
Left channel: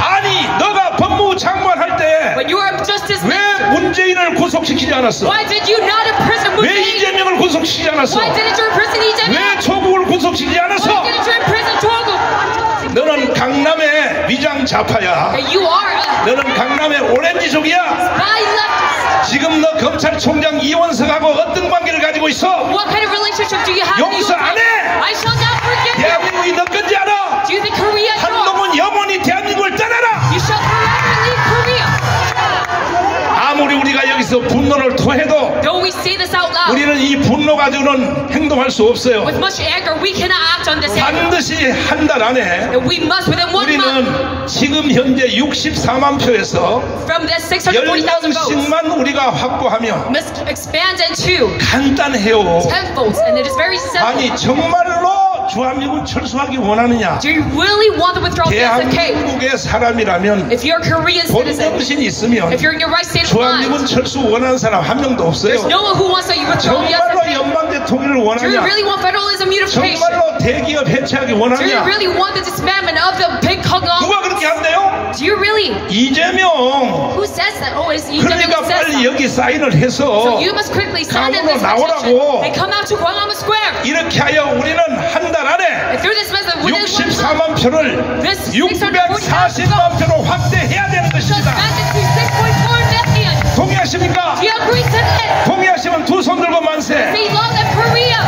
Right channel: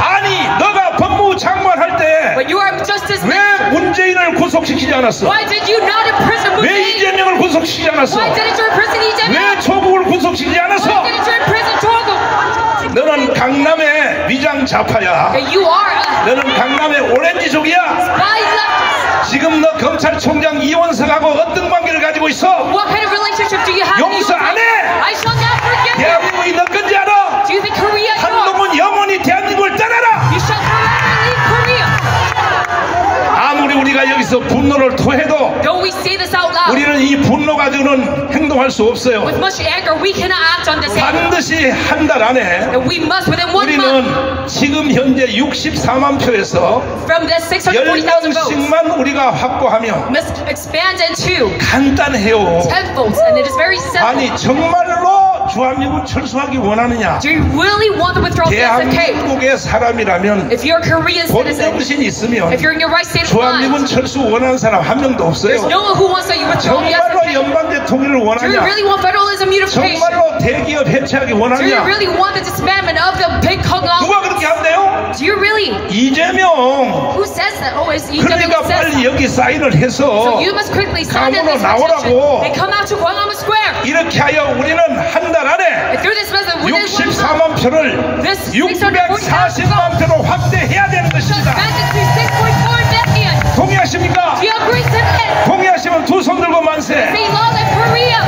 아니 너가 법무부 장관 할 때 When you are justice 왜 minister, 문재인을 구속시키지 않았어? why did you not imprison Moon 왜 Jae-in? 이재명을 구속시키지 않았어? Why didn't you imprison Lee Jae-myung? 왜 조국을 구속시키지 Why 않았어? didn't you imprison Jogo? 너는 강남의 위장 좌파야. That you are a 너는 강남의 오렌지족이야. spy leftist. 지금 너 검찰총장 이원석하고 어떤 관계를 가지고 있어? What kind of relationship do you have? 용서 안 해. I shall not forgive you. 대한민국이 너 건지 알아? Do you think Korea is wrong? 한동훈 영원히 대한민국을 떠나라. You shall forever leave Korea. 아무리 우리가 여기서 분노를 토해도 Though we say this out loud, 우리는 이 분노 가지고는 행동할 수 없어요. with much anger, we cannot act on this anger. 반드시 한 달 안에 And we must, within 1 month, 우리는 지금 현재 64만 표에서 from the 640,000 votes, 10명씩만 우리가 확보하면 must expand into 간단해요. 10 votes. And it is very simple. 아니 정말로 주한미군 철수하기 원하느냐? Do you really want the withdrawal of the SFK? 대한민국의 사람이라면 If you're a Korean citizen, 본정신이 있으면 if you're in your right state of 주한미군 mind, 철수 원하는 사람 한 명도 there's 없어요. no one who wants that you withdraw the 정말로 SFK. 연방제 통일을 Do you 원하냐? really want federalism unification? 정말로 대기업 해체하기 Do you 원하냐? really want the disbandment of the big conglomerates? 누가 그렇게 한대요? Do you really? 이재명. Who says that? Oh, it's Lee 그러니까 Jae-myung says 빨리 that. 여기 사인을 So 해서 you must quickly sign in 강원으로 this 나오라고. petition. They come out to Gwanghwamun Square. 이렇게 하여 우리는 한 달 안에 And through this method, within 1 month, 64만 표를 this 640,000 640만 표로 확대해야 되는 shall 것입니다. expand it to 6.4 million. 동의하십니까? Do you agree to this? 동의하시면 두 손 들고 만세. Say long live Korea.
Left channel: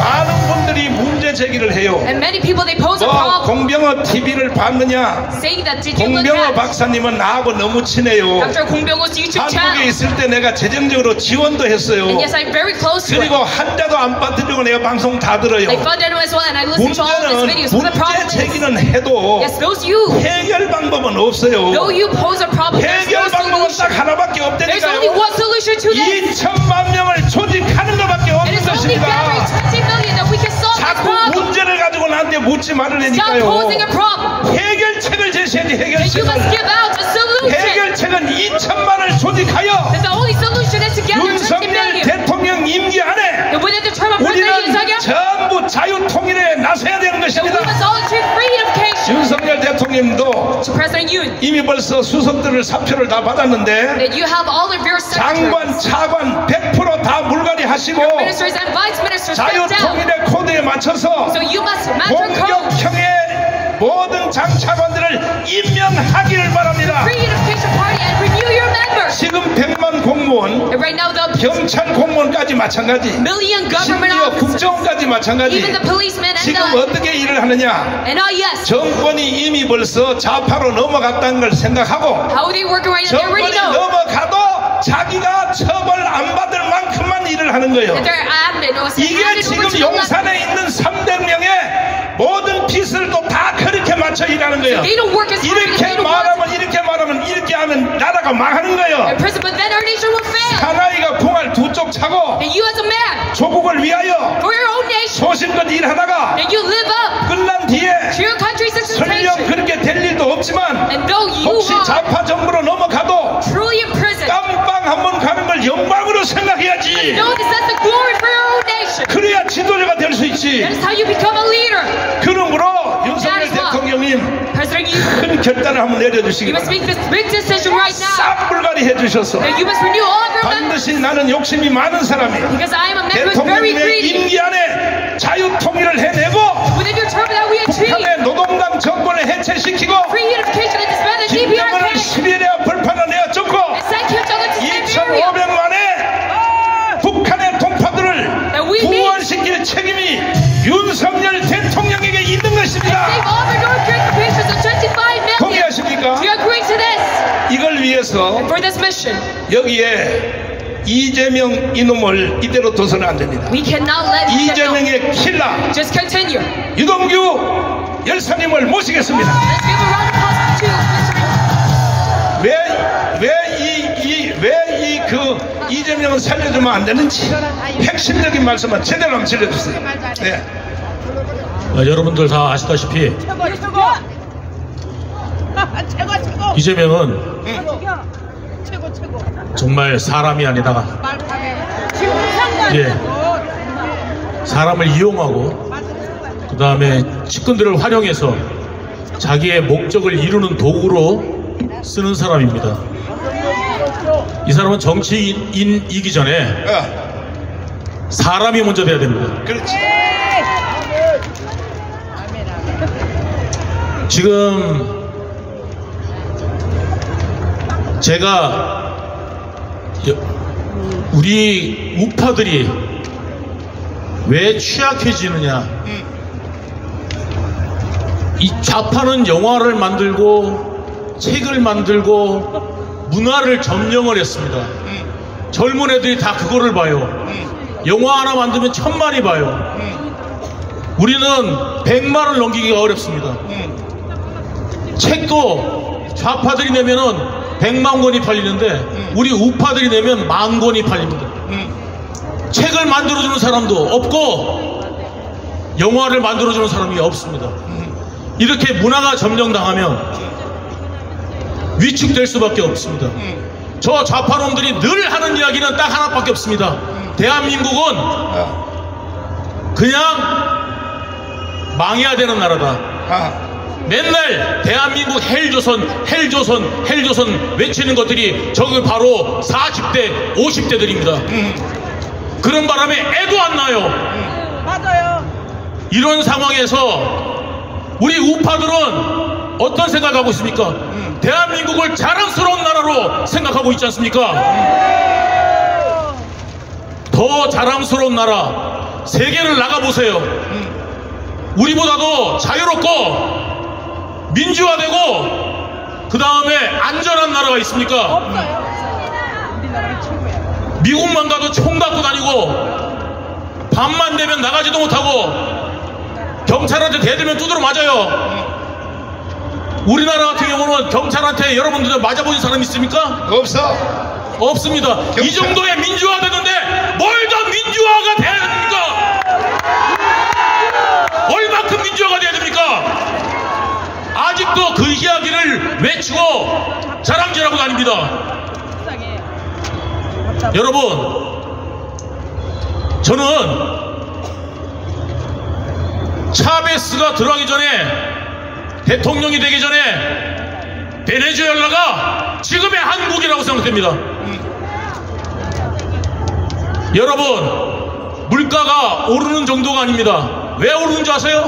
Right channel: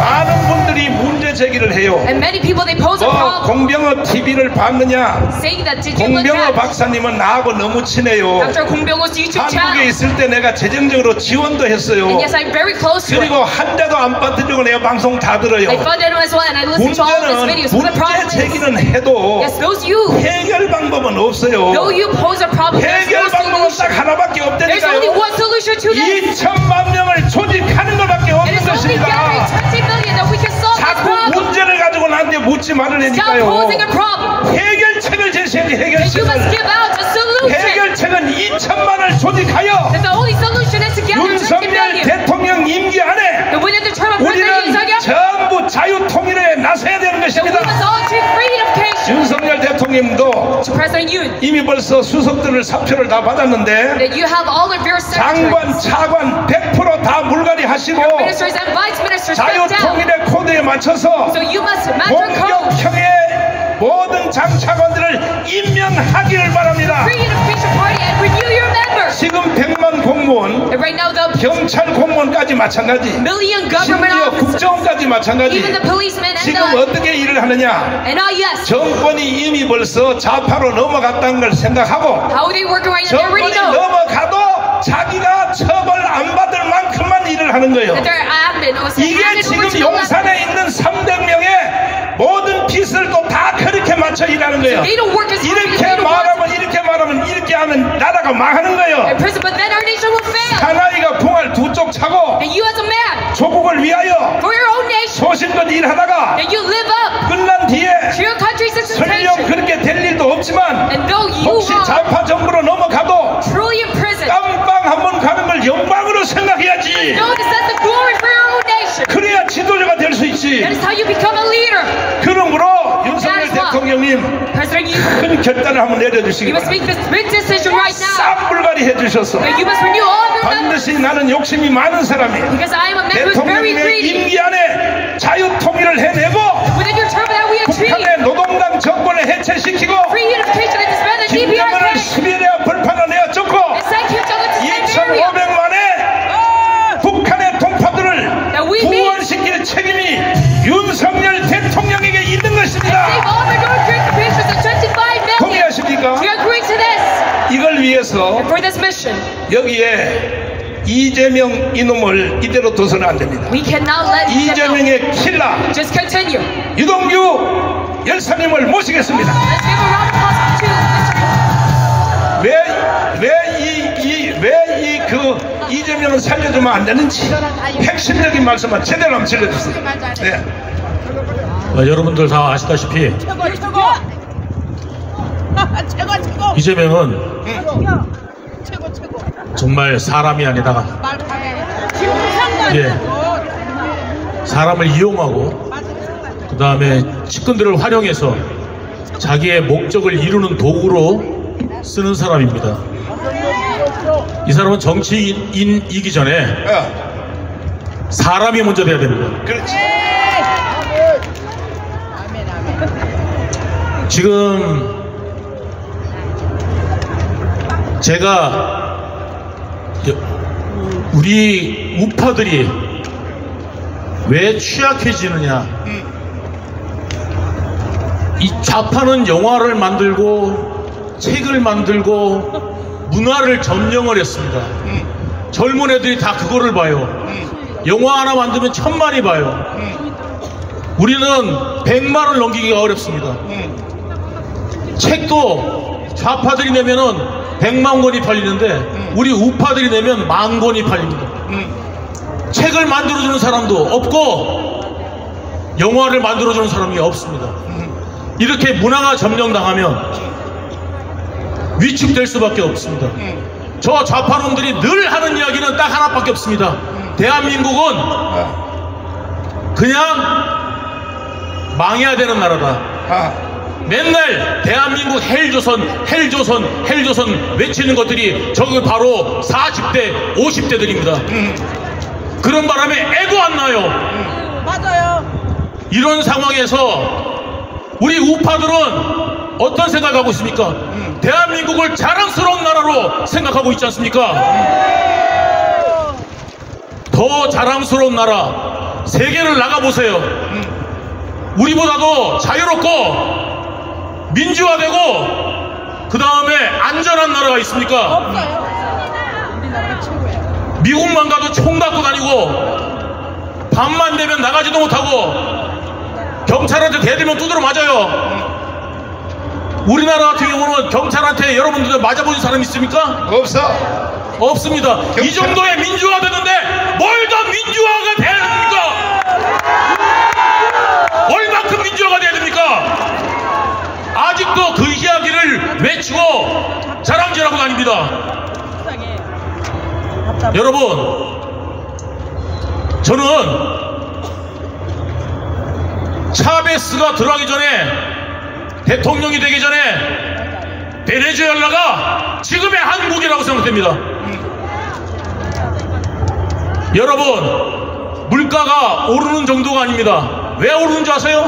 많은 분들이 문제 제기를 해요. And many people, they pose a 너 problem, 공병호 TV를 봤느냐? saying that did you look 공병호 at 박사님은 나하고 너무 친해요. Dr. Kong Byung-ho's YouTube 한국에 channel? 있을 때 내가 재정적으로 지원도 했어요. And yes, I'm very close to it. 그리고 한자도 안 빠뜨리고 내가 방송 다 들어요. I funded him as well, and I listen to all of his 문제는 videos. But the 문제 problem is, 제기는 해도 yes, those you, 해결 방법은 없어요. though you pose a problem, there's 해결 no 방법은 solution. 딱 하나밖에 There's only 없다니까요. one solution to this. 2천만 명을 조직하는 것밖에 It 없는 is only gathering 것입니다. 20 million that we can solve this 자꾸 problem. 문제를 가지고 나한테 묻지 Stop 말으니까요. posing a problem. 해결책을 제시해야지. And you must 해결책을. give out a solution. 해결책은 2천만을 조직하여 And the only solution is to gather 20 윤석열 million. 대통령 임기 안에 And within the term of President 우리는 Yoon Suk-yeol, 전부 자유통일에 나서야 되는 that we 것입니다. must all achieve freedom. 윤석열 대통령도 To President Yoon, 이미 벌써 수석들을 사표를 다 받았는데 that you have all of your 장관, secretaries, 차관 100% 다 물갈이 하시고 ministers and vice ministers stepped down. 자유통일의 코드에 맞춰서 So you must match your code. 공격형의 모든 장차관들을 임명하기를 바랍니다. Free Unification Party and renew your members. 지금 100만 공무원, And right now the 경찰 공무원까지 마찬가지, million government 심지어 officers, 국정원까지 마찬가지. even the policemen and 지금 the 어떻게 일을 하느냐? and yes, 정권이 이미 벌써 좌파로 넘어갔다는 걸 생각하고 how they work right now? They already 정권이 know 넘어가도 자기가 처벌 안 받을 만큼만 일을 하는 거예요. that they're abandoned. Or 이게 지금 용산에 있는 300명의 모든 빚을도 다 그렇게 맞춰 일하는 거예요. They don't work as hard as 이렇게 they 말하면 이렇게 하면 나라가 망하는 거예요. but then our nation will fail. 사나이가 공을 두 쪽 차고 And you as a man, 조국을 위하여 for your own nation, 소신껏 일하다가 and you live up 끝난 뒤에 to your country's 설령 expectation. 그렇게 될 일도 없지만 And though you 혹시 are 좌파 정부로 넘어가도 truly in prison, 깜빵 한번 가는 걸 영광으로 생각해야지. know this as the glory for your own nation. 그래야 지도자가 될 수 있지. That is how you become a leader. 그러므로 윤석열 대통령님 President, you 큰 결단을 한번 내려주시기 must make 바랍니다. this big decision right now. 싹불가리 해주셔서 That you must renew all of your members. 반드시 나는 욕심이 많은 사람이에요. Because I am a member who's very 대통령의 greedy. 임기 안에 자유통일을 해내고 Within your term that we achieve 북한의 노동당 정권을 해체시키고 free unification and disband the 김정은을 DPRK. 시베리아 벌판을 내어 쫓고 Send Kim Jong-un to Siberia. 2,500만의 북한의 동포들을 구원시킬 책임이 윤석열 대통령에게 있는 것입니다. Save all the North Korean patients and 25 million. 동의하십니까? Do you agree to this? 이걸 위해서 For this mission, 여기에 이재명 이놈을 이대로 둬서는 안 됩니다. we cannot let him get out. 이재명의 킬러 Just continue. 유동규 열사님을 모시겠습니다. Let's give a round of applause to 왜 그 이재명을 살려주면 안 되는지 핵심적인 말씀만 제대로 한번 들려주세요. 네. 여러분들 다 아시다시피 이재명은 정말 사람이 아니다. 사람을 이용하고 그 다음에 측근들을 활용해서 자기의 목적을 이루는 도구로 쓰는 사람입니다. 이 사람은 정치인이기 전에 사람이 먼저 돼야 됩니다. 그렇지. 지금 제가 우리 우파들이 왜 취약해지느냐, 이 좌파는 영화를 만들고 책을 만들고 문화를 점령을 했습니다. 젊은 애들이 다 그거를 봐요. 영화 하나 만들면 1000만이 봐요. 우리는 100만을 넘기기가 어렵습니다. 책도 좌파들이 내면은 100만 권이 팔리는데 우리 우파들이 내면 10,000권이 팔립니다. 책을 만들어주는 사람도 없고 영화를 만들어주는 사람이 없습니다. 이렇게 문화가 점령당하면 위축될 수밖에 없습니다. 저 좌파놈들이 늘 하는 이야기는 딱 하나밖에 없습니다. 대한민국은 그냥 망해야 되는 나라다. 맨날 대한민국 헬조선 외치는 것들이 저기 바로 40대 50대들입니다 그런 바람에 애도 안 나요. 맞아요. 이런 상황에서 우리 우파들은 어떤 생각하고 있습니까? 대한민국을 자랑스러운 나라로 생각하고 있지 않습니까? 더 자랑스러운 나라 세계를 나가보세요. 우리보다도 자유롭고 민주화되고 그 다음에 안전한 나라가 있습니까? 미국만 가도 총 갖고 다니고 밤만 되면 나가지도 못하고 경찰한테 대들면 두드러 맞아요. 우리나라 같은 경우는 경찰한테 여러분들 맞아본 사람 있습니까? 없어. 없습니다. 이 정도의 민주화 되는데 뭘 더 민주화가 돼야 됩니까? 얼만큼 민주화가 돼야 됩니까? 아직도 그 이야기를 외치고 자랑질하고 다닙니다. 여러분, 저는 차베스가 들어가기 전에, 대통령이 되기 전에 베네수엘라가 지금의 한국이라고 생각됩니다. 여러분, 물가가 오르는 정도가 아닙니다. 왜 오르는 줄 아세요?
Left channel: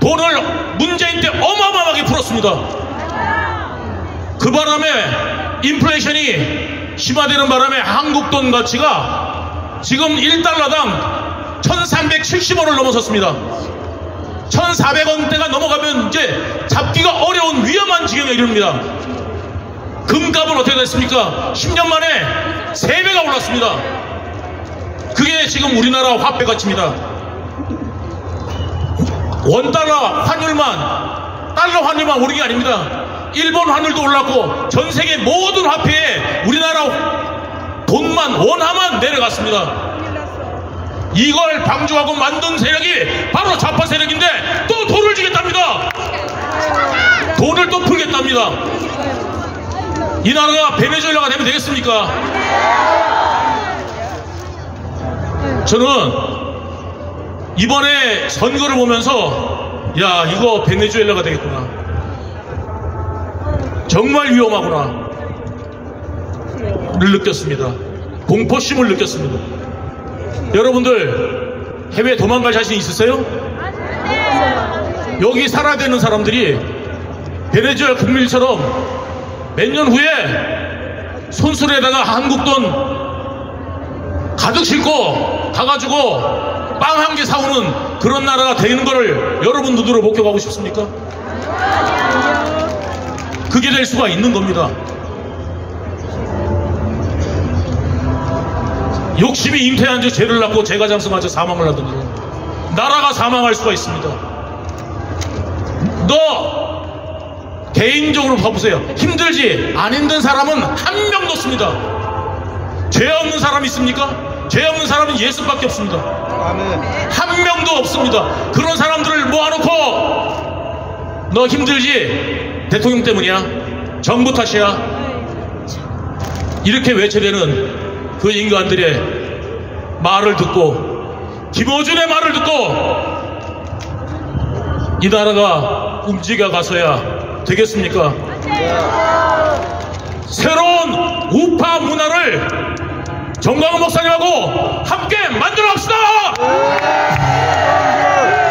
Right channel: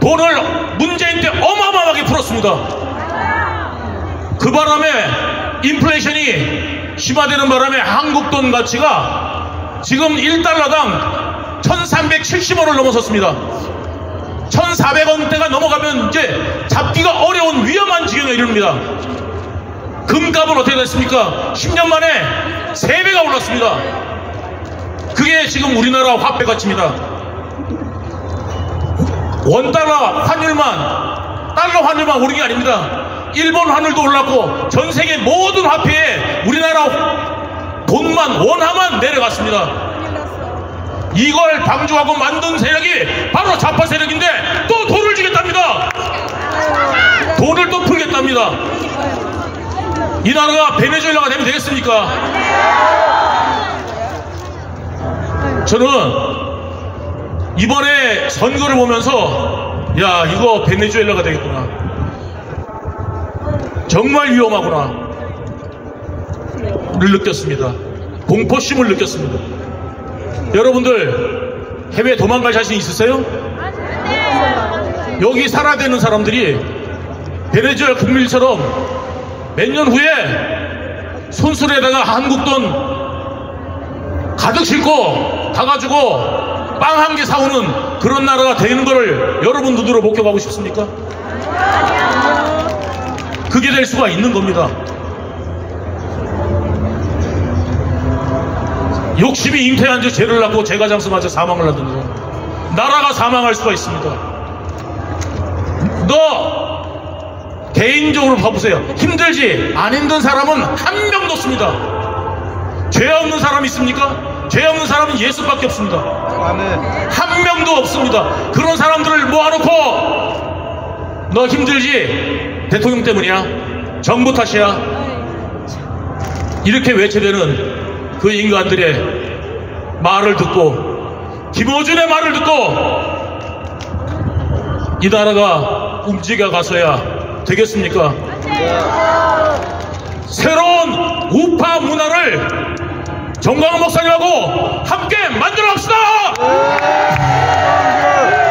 돈을 문재인 때 어마어마하게 풀었습니다. 그 바람에 인플레이션이 심화되는 바람에 한국 돈 가치가 지금 1달러당 1370원을 넘어섰습니다. 1400원대가 넘어가면 이제 잡기가 어려운 위험한 지경에 이릅니다. 금값은 어떻게 됐습니까? 10년 만에 3배가 올랐습니다. 그게 지금 우리나라 화폐 가치입니다. 원달러 환율만, 달러 환율만 오른 게 아닙니다. 일본 환율도 올랐고 전 세계 모든 화폐에 우리나라 돈만, 원화만 내려갔습니다. 이걸 방조하고 만든 세력이 바로 좌파 세력인데 또 돈을 주겠답니다. 돈을 또 풀겠답니다. 이 나라가 베네수엘라가 되면 되겠습니까? 저는 이번에 선거를 보면서 야, 이거 베네수엘라가 되겠구나. 정말 위험하구나 를 느꼈습니다. 공포심을 느꼈습니다. 여러분들 해외 도망갈 자신 있으세요? 여기 살아야 되는 사람들이 베네수엘라 국민처럼 몇 년 후에 손수레에다가 한국 돈 가득 싣고 가가지고 빵 한 개 사오는 그런 나라가 되는 거를 여러분 눈으로 목격하고 싶습니까? 그게 될 수가 있는 겁니다. 욕심이 잉태한 지 죄를 낳고 죄가 장성한 지 사망을 하든지 나라가 사망할 수가 있습니다. 너 개인적으로 봐보세요. 힘들지? 안 힘든 사람은 한 명도 없습니다. 죄 없는 사람 있습니까? 죄 없는 사람은 예수밖에 없습니다. 한 명도 없습니다. 그런 사람들을 모아놓고 너 힘들지? 대통령 때문이야? 정부 탓이야? 이렇게 외쳐대는 그 인간들의 말을 듣고 김어준의 말을 듣고 이 나라가 움직여 가서야 되겠습니까? 새로운 우파 문화를 정광훈 목사님하고 함께 만들어 갑시다!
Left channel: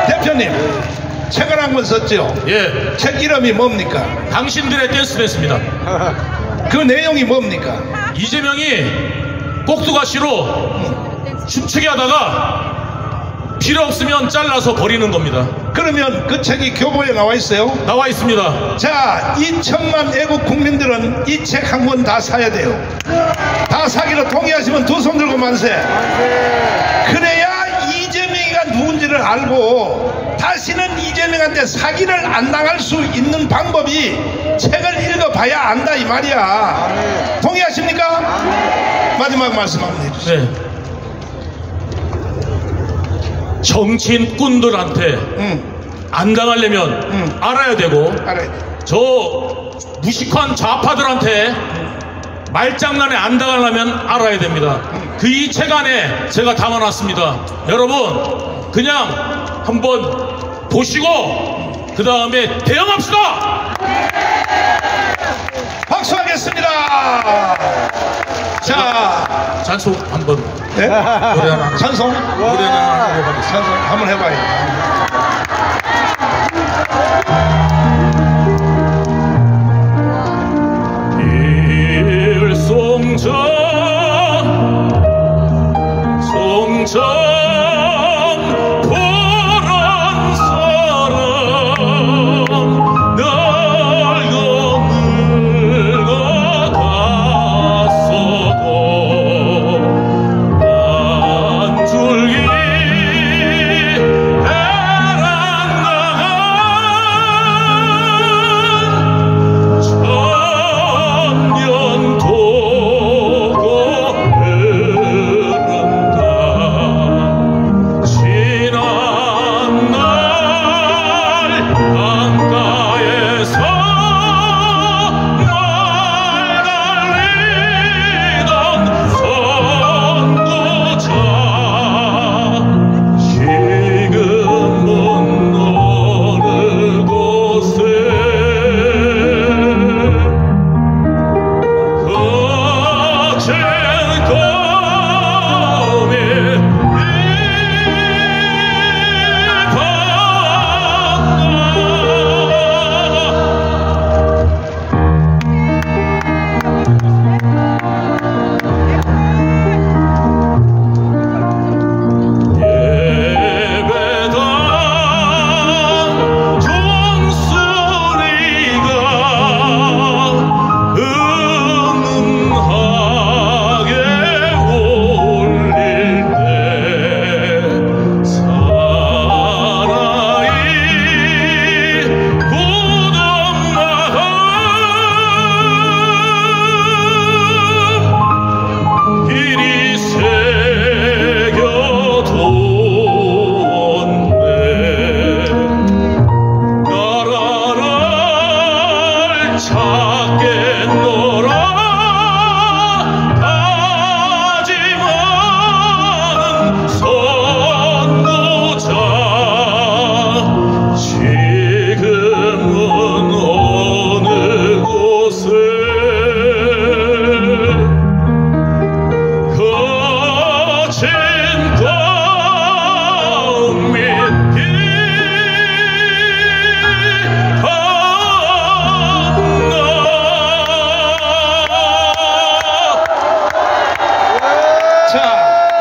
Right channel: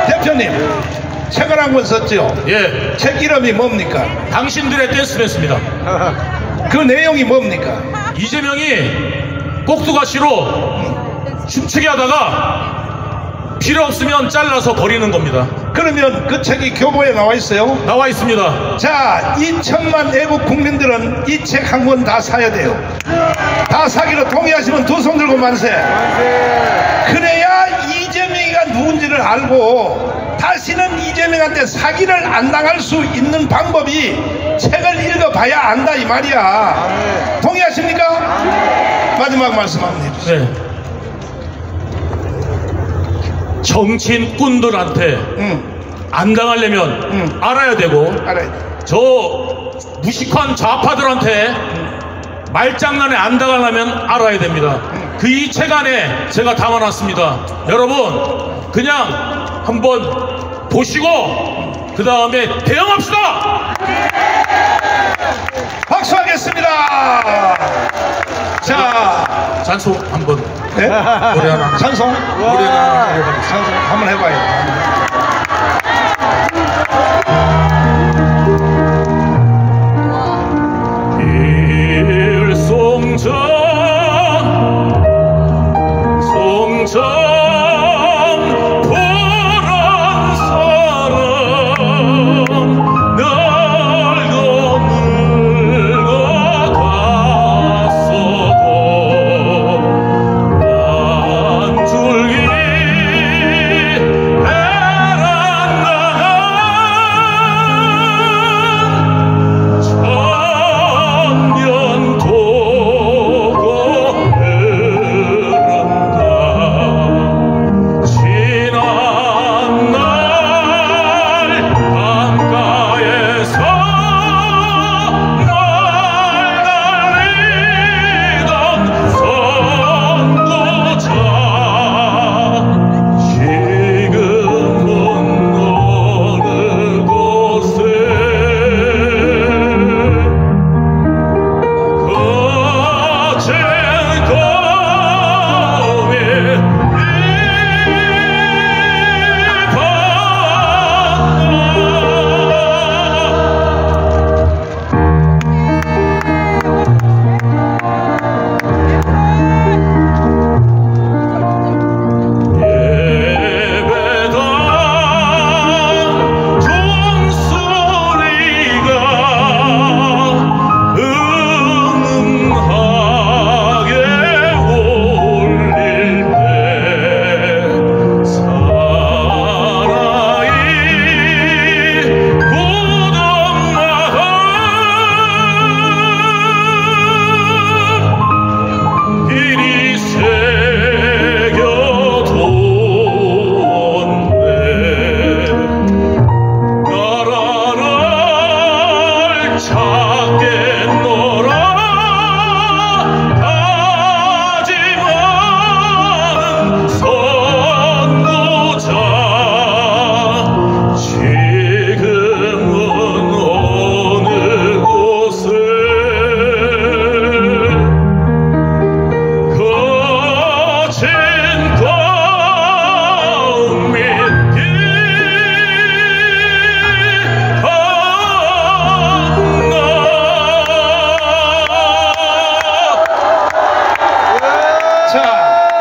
대표님, 책을 한 권 썼죠? 예. 책 이름이 뭡니까? 당신들의 댄스댄스입니다. 그 내용이 뭡니까? 이재명이 꼭두가시로 춤추게 하다가 필요 없으면 잘라서 버리는 겁니다. 그러면 그 책이 교보에 나와 있어요? 나와 있습니다. 자, 2천만 애국 국민들은 이 책 한 권 다 사야 돼요. 다 사기로 동의하시면 두 손 들고 만세. 그래야 이재명이가 누군지를 알고 다시는 이재명한테 사기를 안 당할 수 있는 방법이 책을 읽어봐야 안다 이 말이야. 동의하십니까? 마지막 말씀 한번 해주세요. 네. 정치인꾼들한테 안 당하려면 알아야 되고 저 무식한 좌파들한테 말장난에 안 당하려면 알아야 됩니다. 그 이 책 안에 제가 담아놨습니다. 여러분 그냥 한번 보시고 그 다음에 대응합시다. 박수하겠습니다. 자, 찬송 한번 네? 노래 하나 찬송? 노래 하나 해보겠습니다. 찬송 한번 해봐요. 송정 보란 사람 날 늙어갔어도 안 줄기 애란나간 천년도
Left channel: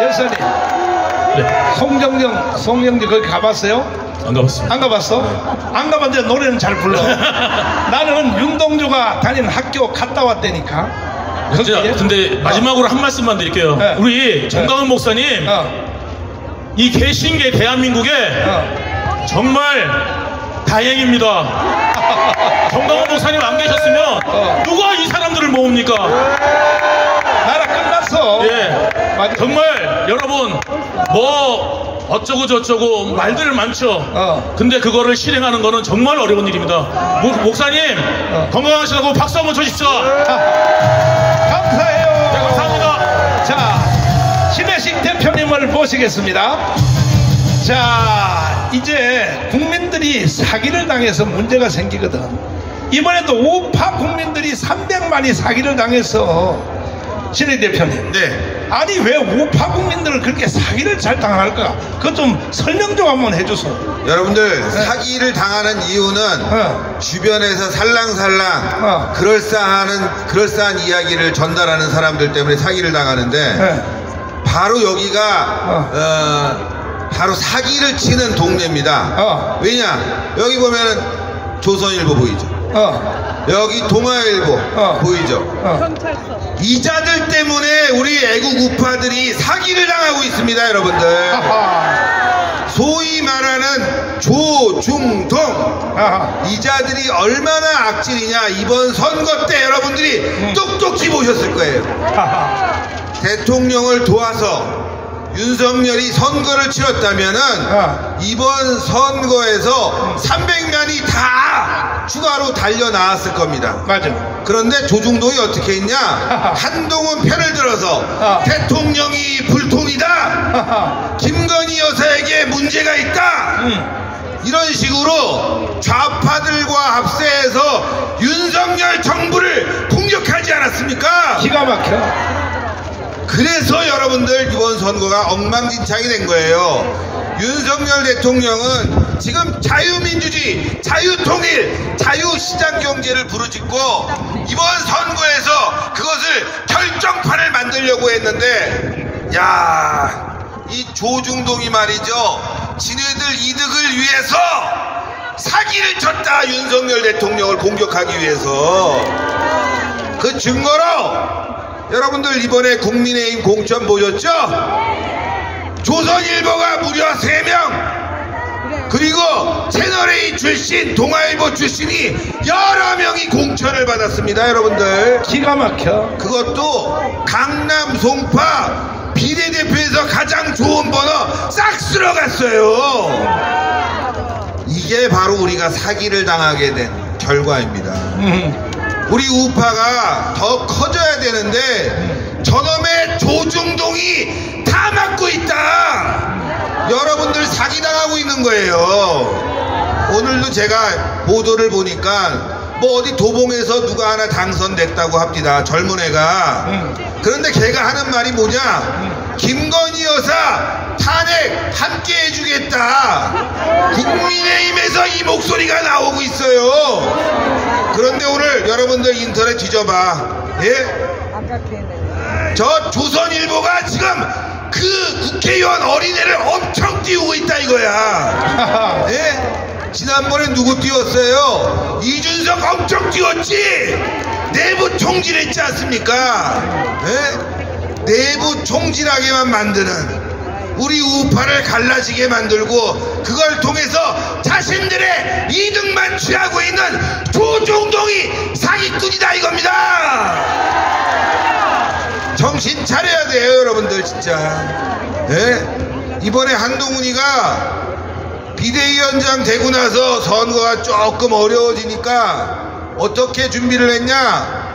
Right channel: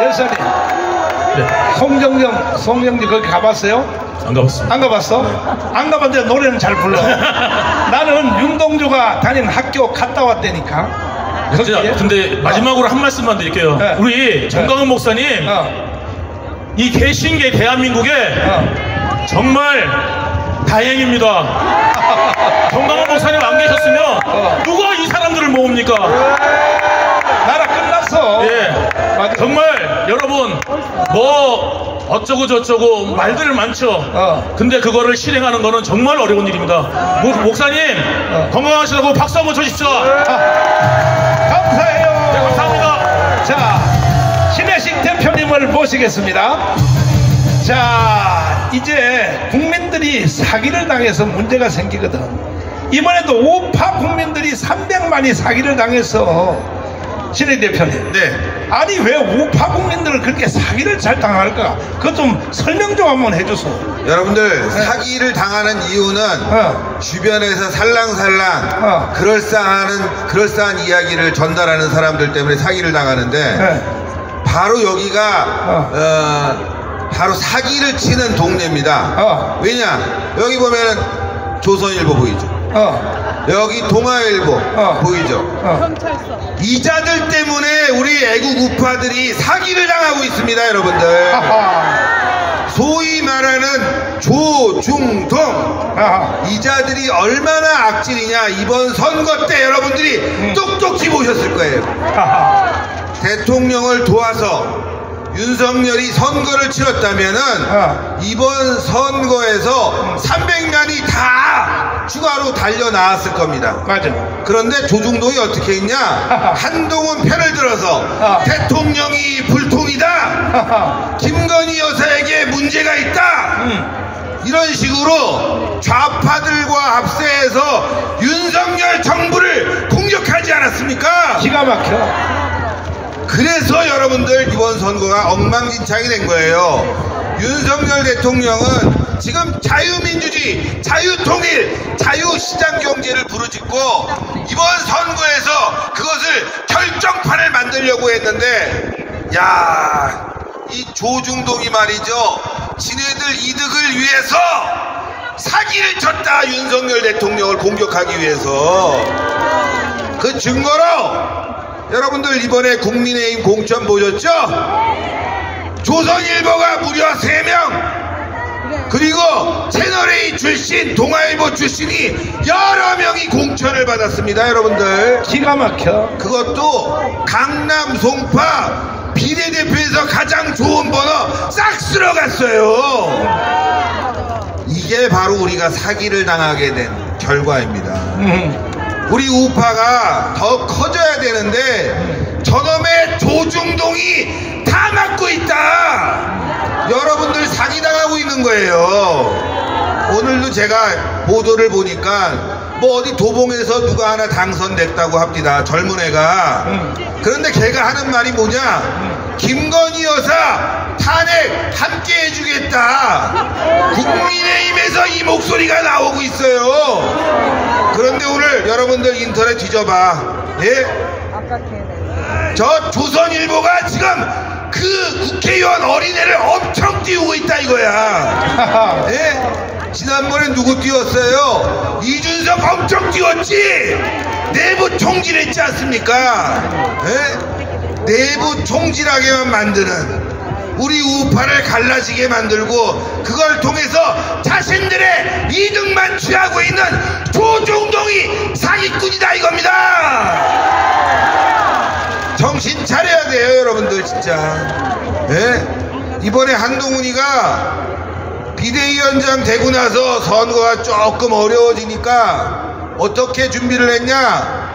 열사님, 네. 송영지 거기 가봤어요? 안 가봤습니다. 안 가봤어? 안 가봤는데 노래는 잘 불러. 나는 윤동주가 다니는 학교 갔다 왔다니까. 근데 마지막으로 한 말씀만 드릴게요. 네. 우리 정강훈 목사님, 이 개신계 대한민국에 정말 다행입니다. 정강훈 목사님 안 계셨으면 누가 이 사람들을 모읍니까? 나라 끝났어. 예. 정말 여러분 뭐 어쩌고 저쩌고 말들 많죠. 근데 그거를 실행하는 거는 정말 어려운 일입니다. 목사님 건강하시라고 박수 한번 쳐주십시오. 감사해요. 네, 감사합니다. 자, 신혜식 대표님을 모시겠습니다. 자, 이제 국민들이 사기를 당해서 문제가 생기거든. 이번에도 우파 국민들이 300만이 사기를 당해서 신혜식 대표님. 네. 아니 왜 우파 국민들은 그렇게 사기를 잘 당할까? 그것 좀 설명 좀 한번 해주세요. 여러분들 사기를 당하는 이유는 주변에서 살랑살랑 그럴싸한 이야기를 전달하는 사람들 때문에 사기를 당하는데 바로 여기가 바로 사기를 치는 동네입니다. 왜냐? 여기 보면은 조선일보 보이죠? 여기 동아일보 보이죠? 이자들 때문에 우리 애국 우파들이 사기를 당하고 있습니다, 여러분들. 소위 말하는 조중동 이자들이 얼마나 악질이냐. 이번 선거 때 여러분들이 똑똑히 보셨을 거예요. 대통령을 도와서 윤석열이 선거를 치렀다면은 이번 선거에서 300만이 다 추가로 달려 나왔을 겁니다. 맞아. 그런데 조중동이 어떻게 했냐? 한동훈 편을 들어서 대통령이 불통이다. 김건희 여사에게 문제가 있다. 이런 식으로 좌파들과 합세해서 윤석열 정부를 공격하지 않았습니까? 기가 막혀. 그래서 여러분들 이번 선거가 엉망진창이 된 거예요. 윤석열 대통령은 지금 자유민주주의, 자유통일, 자유시장경제를 부르짖고 이번 선거에서 그것을 결정판을 만들려고 했는데, 야, 이 조중동이 말이죠, 지네들 이득을 위해서 사기를 쳤다. 윤석열 대통령을 공격하기 위해서. 그 증거로 여러분들 이번에 국민의힘 공천 보셨죠? 조선일보가 무려 3명, 그리고 채널A 출신, 동아일보 출신이 여러 명이 공천을 받았습니다, 여러분들. 기가 막혀. 그것도 강남 송파 비례대표에서 가장 좋은 번호 싹 쓸어갔어요. 이게 바로 우리가 사기를 당하게 된 결과입니다. 우리 우파가 더 커져야 되는데 저놈의 조중동이 다 막고 있다. 여러분들 사기당하고 있는 거예요. 오늘도 제가 보도를 보니까 뭐 어디 도봉에서 누가 하나 당선됐다고 합니다. 젊은 애가. 그런데 걔가 하는 말이 뭐냐? 김건희 여사 탄핵 함께 해주겠다. 국민의힘에서 이 목소리가 나오고 있어요. 그런데 오늘 여러분들 인터넷 뒤져봐. 예? 저 조선일보가 지금 그 국회의원 어린애를 엄청 띄우고 있다 이거야. 예? 지난번에 누구 띄웠어요? 이준석 엄청 띄웠지? 내부 총질했지 않습니까? 예? 내부 총질하게만 만드는, 우리 우파를 갈라지게 만들고 그걸 통해서 자신들의 이득만 취하고 있는 조중동이 사기꾼이다 이겁니다. 정신 차려야 돼요, 여러분들 진짜. 예? 이번에 한동훈이가 비대위원장 되고 나서 선거가 조금 어려워지니까 어떻게 준비를 했냐?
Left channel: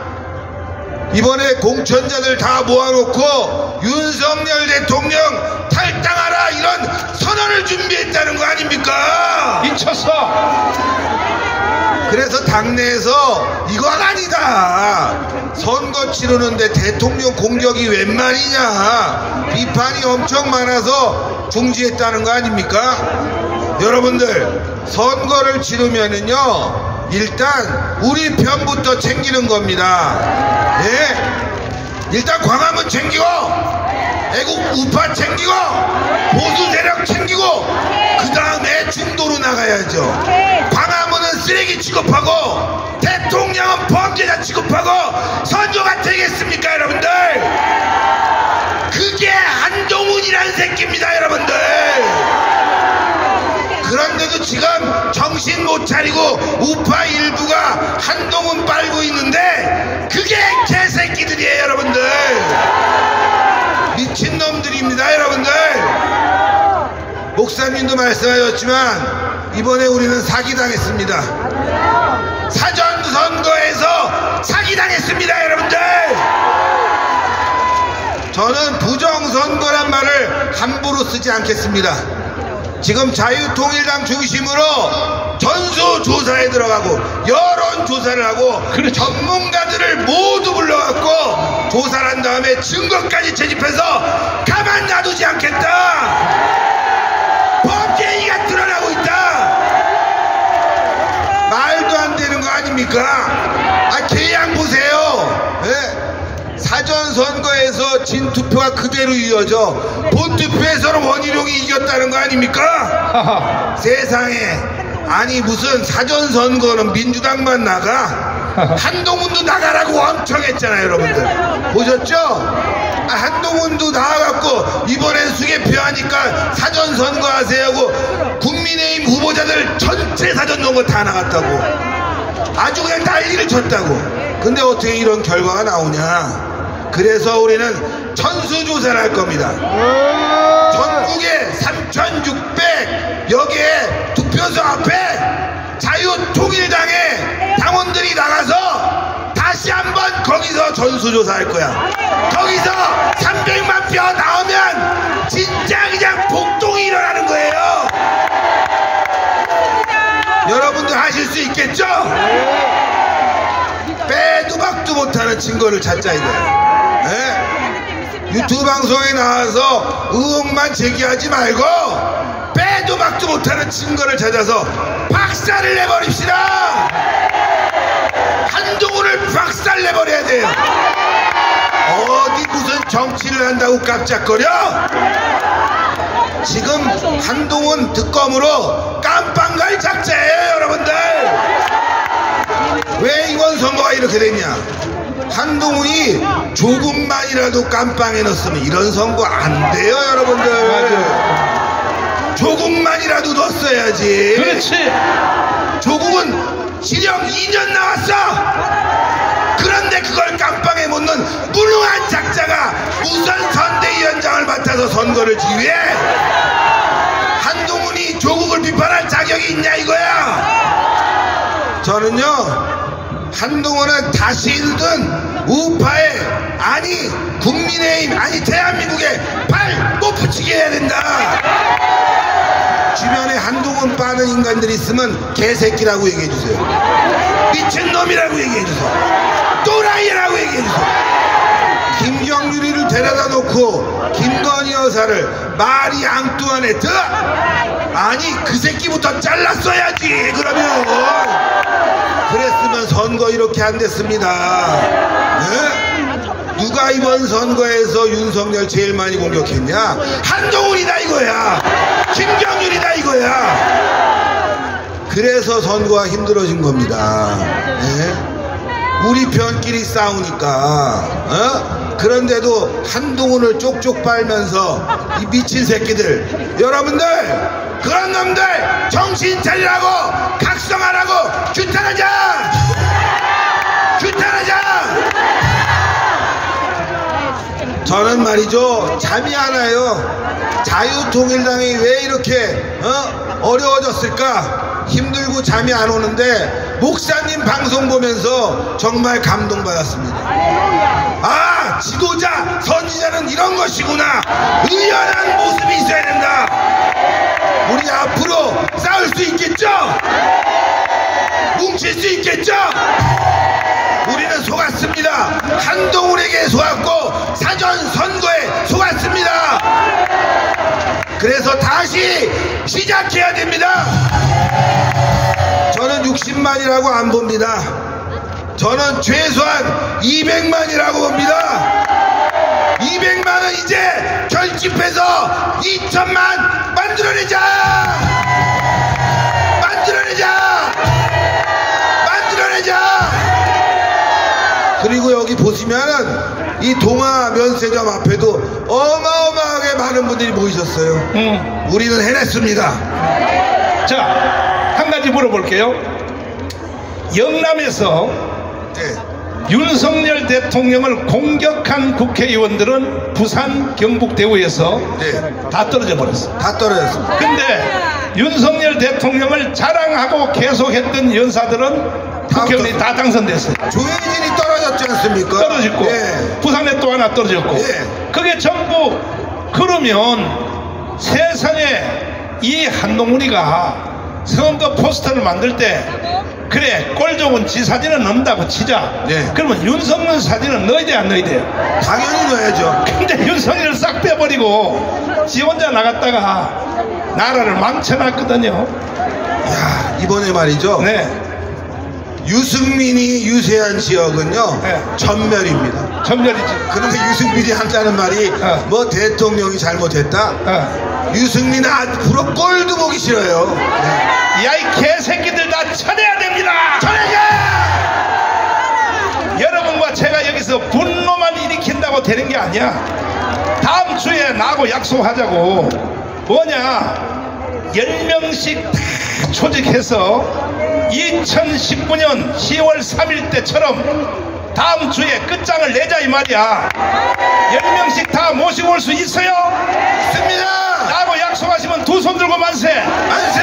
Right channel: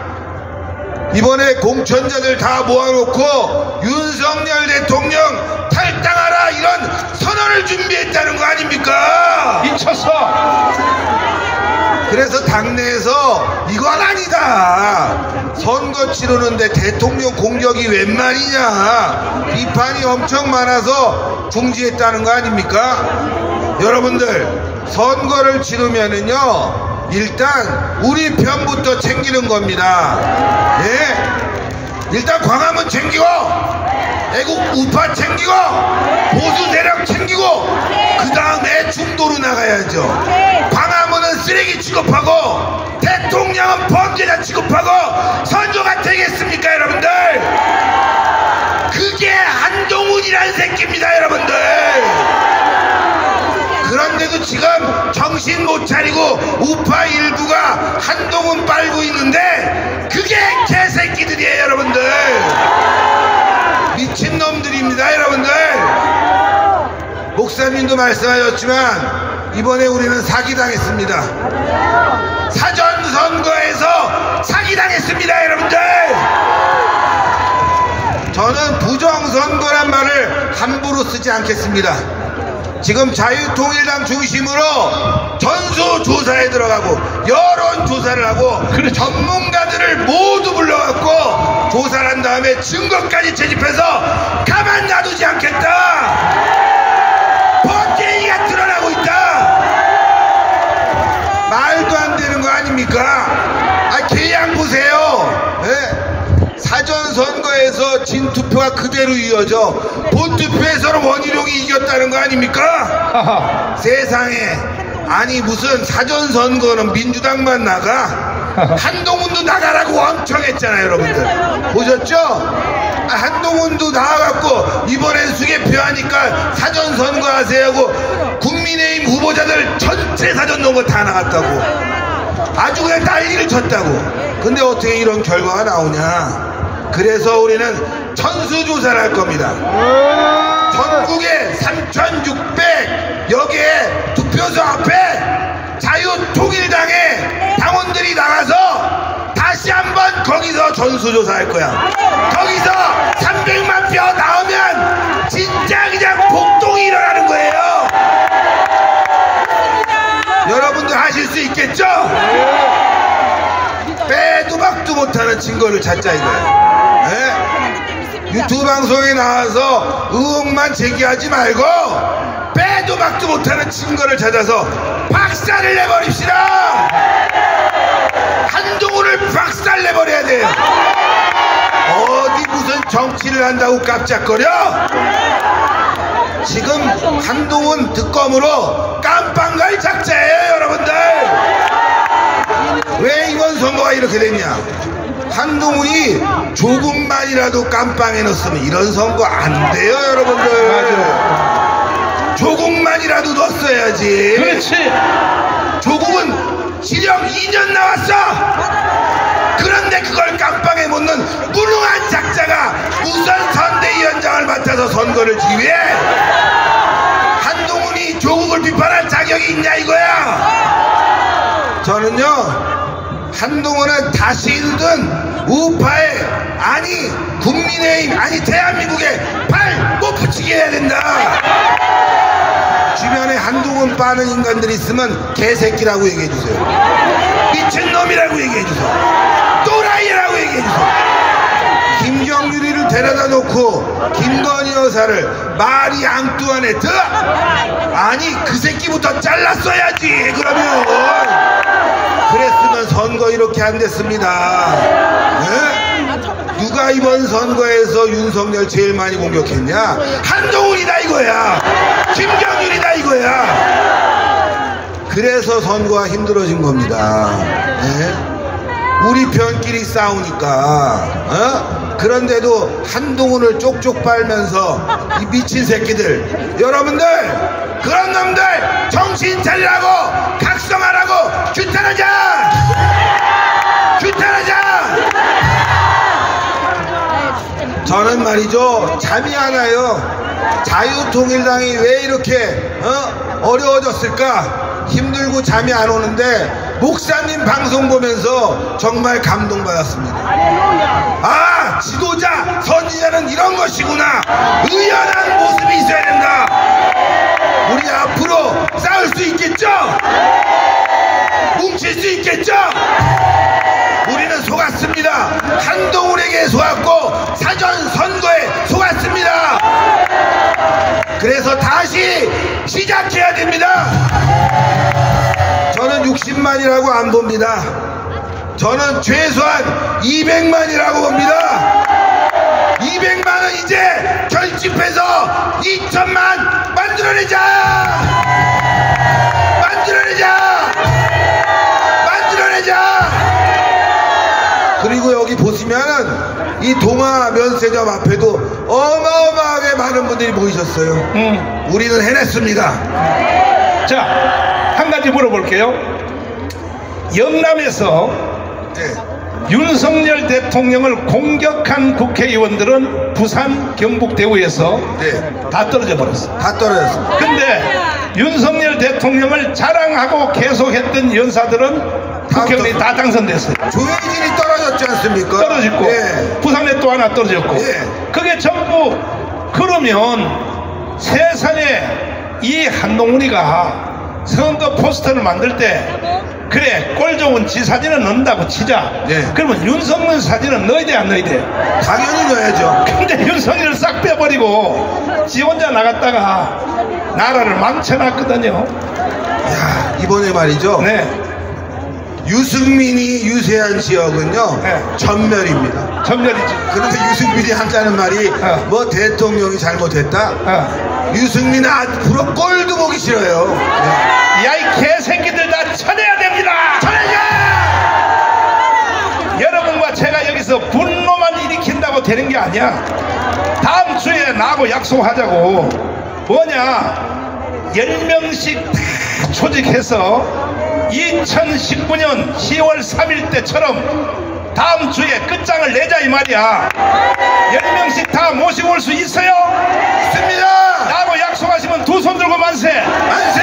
이번에 공천자들 다 모아놓고 윤석열 대통령 탈당하라 이런 선언을 준비했다는 거 아닙니까? 미쳤어. 그래서 당내에서 이건 아니다, 선거 치르는데 대통령 공격이 웬 말이냐, 비판이 엄청 많아서 중지했다는 거 아닙니까? 여러분들 선거를 치르면은요 일단 우리 편부터 챙기는 겁니다. 예? 일단 광화문 챙겨, 애국 우파 챙기고 보수 세력 챙기고 그 다음에 중도로 나가야죠. 광화문은 쓰레기 취급하고 대통령은 범죄자 취급하고 선조가 되겠습니까 여러분들? 그게 한동훈이라는 새끼입니다 여러분들. 그런데도 지금 정신 못 차리고 우파 일부가 한동훈 빨고 있는데 그게 개새끼들이에요 여러분들. 미친놈들입니다 여러분들. 목사님도 말씀하셨지만 이번에 우리는 사기당했습니다. 사전선거에서 사기당했습니다 여러분들. 저는 부정선거란 말을 함부로 쓰지 않겠습니다. 지금 자유통일당 중심으로 전수조사에 들어가고 여론조사를 하고 전문가들을 모두 불러갖고 조사를 한 다음에 증거까지 채집해서 가만 놔두지 않겠다. 범죄가 드러나고 있다. 말도 안 되는 거 아닙니까? 계양 보세요. 네? 사전선거에서 진투표가 그대로 이어져 본투표에서는 원희룡이 이겼다는 거 아닙니까? 세상에. 아니 무슨 사전선거는 민주당만 나가? 한동훈도 나가라고 엄청 했잖아요 여러분들. 보셨죠? 한동훈도 나와갖고 이번엔 수개표하니까 사전선거 하세요 하고 국민의힘 후보자들 전체 사전선거 다 나갔다고. 아주 그냥 난리를 쳤다고. 근데 어떻게 이런 결과가 나오냐. 그래서 우리는 전수조사를 할 겁니다. 전국에 3,600여 개의 투표소 앞에 자유통일당의 당원들이 나가서 다시 한번 거기서 전수조사할 거야. 거기서 300만 표 나오면 진짜 그냥 폭동이 일어나는 거예요. 여러분들 하실 수 있겠죠? 빼도 박도 못하는 증거를 찾자 이거예요. 네? 유튜브 방송에 나와서 의혹만 제기하지 말고 빼도 박도 못하는 증거를 찾아서 박살을 내버립시다. 한동훈을 박살 내버려야 돼요. 어디 무슨 정치를 한다고 깜짝거려? 지금 한동훈 특검으로 깜빵 갈 작자예요 여러분들. 왜 이번 선거가 이렇게 됐냐? 한동훈이 조금만이라도 깜빵에 넣었으면 이런 선거 안 돼요 여러분들. 조금만이라도 넣었어야지. 그렇지. 조국은 지령 2년 나왔어. 그런데 그걸 깜빵에 못 넣은 무능한 작자가 우선 선대위원장을 맡아서 선거를 지휘해. 한동훈이 조국을 비판할 자격이 있냐 이거야. 저는요 한동훈은 다시는 우파에 아니 국민의힘 아니 대한민국에 발 못 붙이게 해야 된다. 주변에 한동훈 빠는 인간들이 있으면 개새끼라고 얘기해주세요. 미친놈이라고 얘기해주세요. 또라이라고 얘기해주세요. 김정유리를 데려다 놓고 김건희 여사를 마리 앙뚜아네트 아니 그 새끼부터 잘랐어야지. 그러면 그랬으면 선거 이렇게 안 됐습니다. 네? 누가 이번 선거에서 윤석열 제일 많이 공격했냐? 한동훈이다 이거야. 김정일이다 이거야. 그래서 선거가 힘들어진 겁니다. 네? 우리 편끼리 싸우니까 그런데도 한동훈을 쪽쪽 빨면서 이 미친 새끼들 여러분들 그런 놈들 정신 차리라고 각성하라고 규탄하자. 규탄하자. 저는 말이죠 잠이 안 와요. 자유통일당이 왜 이렇게 어려워졌을까 힘들고 잠이 안 오는데 목사님 방송 보면서 정말 감동받았습니다. 아 지도자 선지자는 이런 것이구나. 의연한 모습이 있어야 된다. 우리 앞으로 싸울 수 있겠죠? 뭉칠 수 있겠죠? 우리는 속았습니다. 한동훈에게 속았고 사전선거에 속았습니다. 그래서 다시 시작해야 됩니다. 저는 60만이라고 안 봅니다. 저는 최소한 200만이라고 봅니다. 200만은 이제 결집 그리고 여기 보시면은 이 동아 면세점 앞에도 어마어마하게 많은 분들이 모이셨어요. 우리는 해냈습니다. 자, 한 가지 물어볼게요. 영남에서 네. 윤석열 대통령을 공격한 국회의원들은 부산 경북대구에서 네. 다 떨어져 버렸어. 다 떨어졌습니다. 근데 윤석열 대통령을 자랑하고 계속했던 연사들은 국회의원이 다 당선됐어요. 조혜진이 떨어졌지 않습니까? 떨어졌고 네. 부산에 또 하나 떨어졌고 네. 그게 전부 그러면 세상에 이 한동훈이가 선거 포스터를 만들 때 그래 꼴 좋은 지 사진은 넣는다고 치자. 네. 그러면 윤석열 사진은 넣어야 돼 안 넣어야 돼? 당연히 넣어야죠. 근데 윤석열을 싹 빼버리고 지 혼자 나갔다가 나라를 망쳐놨거든요. 야, 이번에 말이죠. 네. 유승민이 유세한 지역은요. 네. 전멸입니다. 전멸이지. 그런데 유승민이 한다는 말이 뭐 대통령이 잘못했다. 유승민은 앞으로 꼴도 보기 싫어요. 네. 야, 이 개새끼들 다 쳐내야 됩니다. 쳐내야! 여러분과 제가 여기서 분노만 일으킨다고 되는 게 아니야. 다음 주에 나하고 약속하자고. 뭐냐, 10명씩 다 조직해서 2019년 10월 3일 때처럼 다음 주에 끝장을 내자 이 말이야. 10명씩 다 모시고 올 수 있어요? 있습니다. 나하고 약속하시면 두 손 들고 만세. 만세!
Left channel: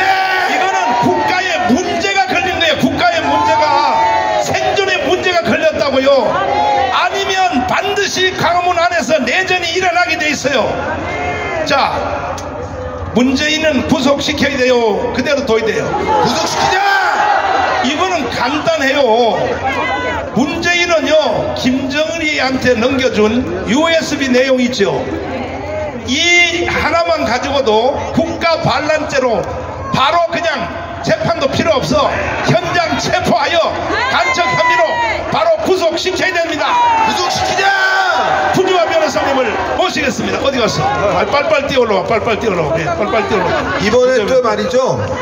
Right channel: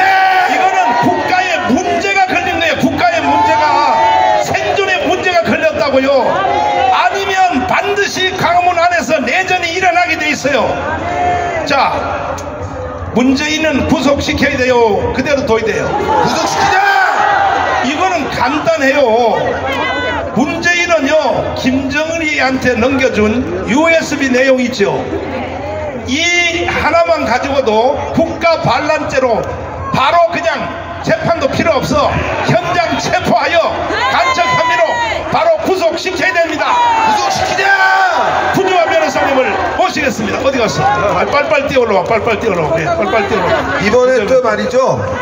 이거는 국가의 문제가 걸린 거예요. 국가의 문제가, 생존의 문제가 걸렸다고요. 아니면 반드시 강화문 안에서 내전이 일어나게 돼 있어요. 자, 문재인은 구속시켜야 돼요. 그대로 둬야 돼요. 구속시키자! 이거는 간단해요. 문재인은요, 김정은이한테 넘겨준 USB 내용 있죠. 이 하나만 가지고도 국가 반란죄로 바로 그냥 재판도 필요 없어. 현장 체포하여 간첩 혐의로 바로 구속시켜야 됩니다. 구속시키자! 구조화 변호사님을 모시겠습니다. 어디 갔어? 빨빨 뛰어올라와. 빨빨 뛰어올라와. 빨빨 뛰어올라와. 이번에 또 말이죠.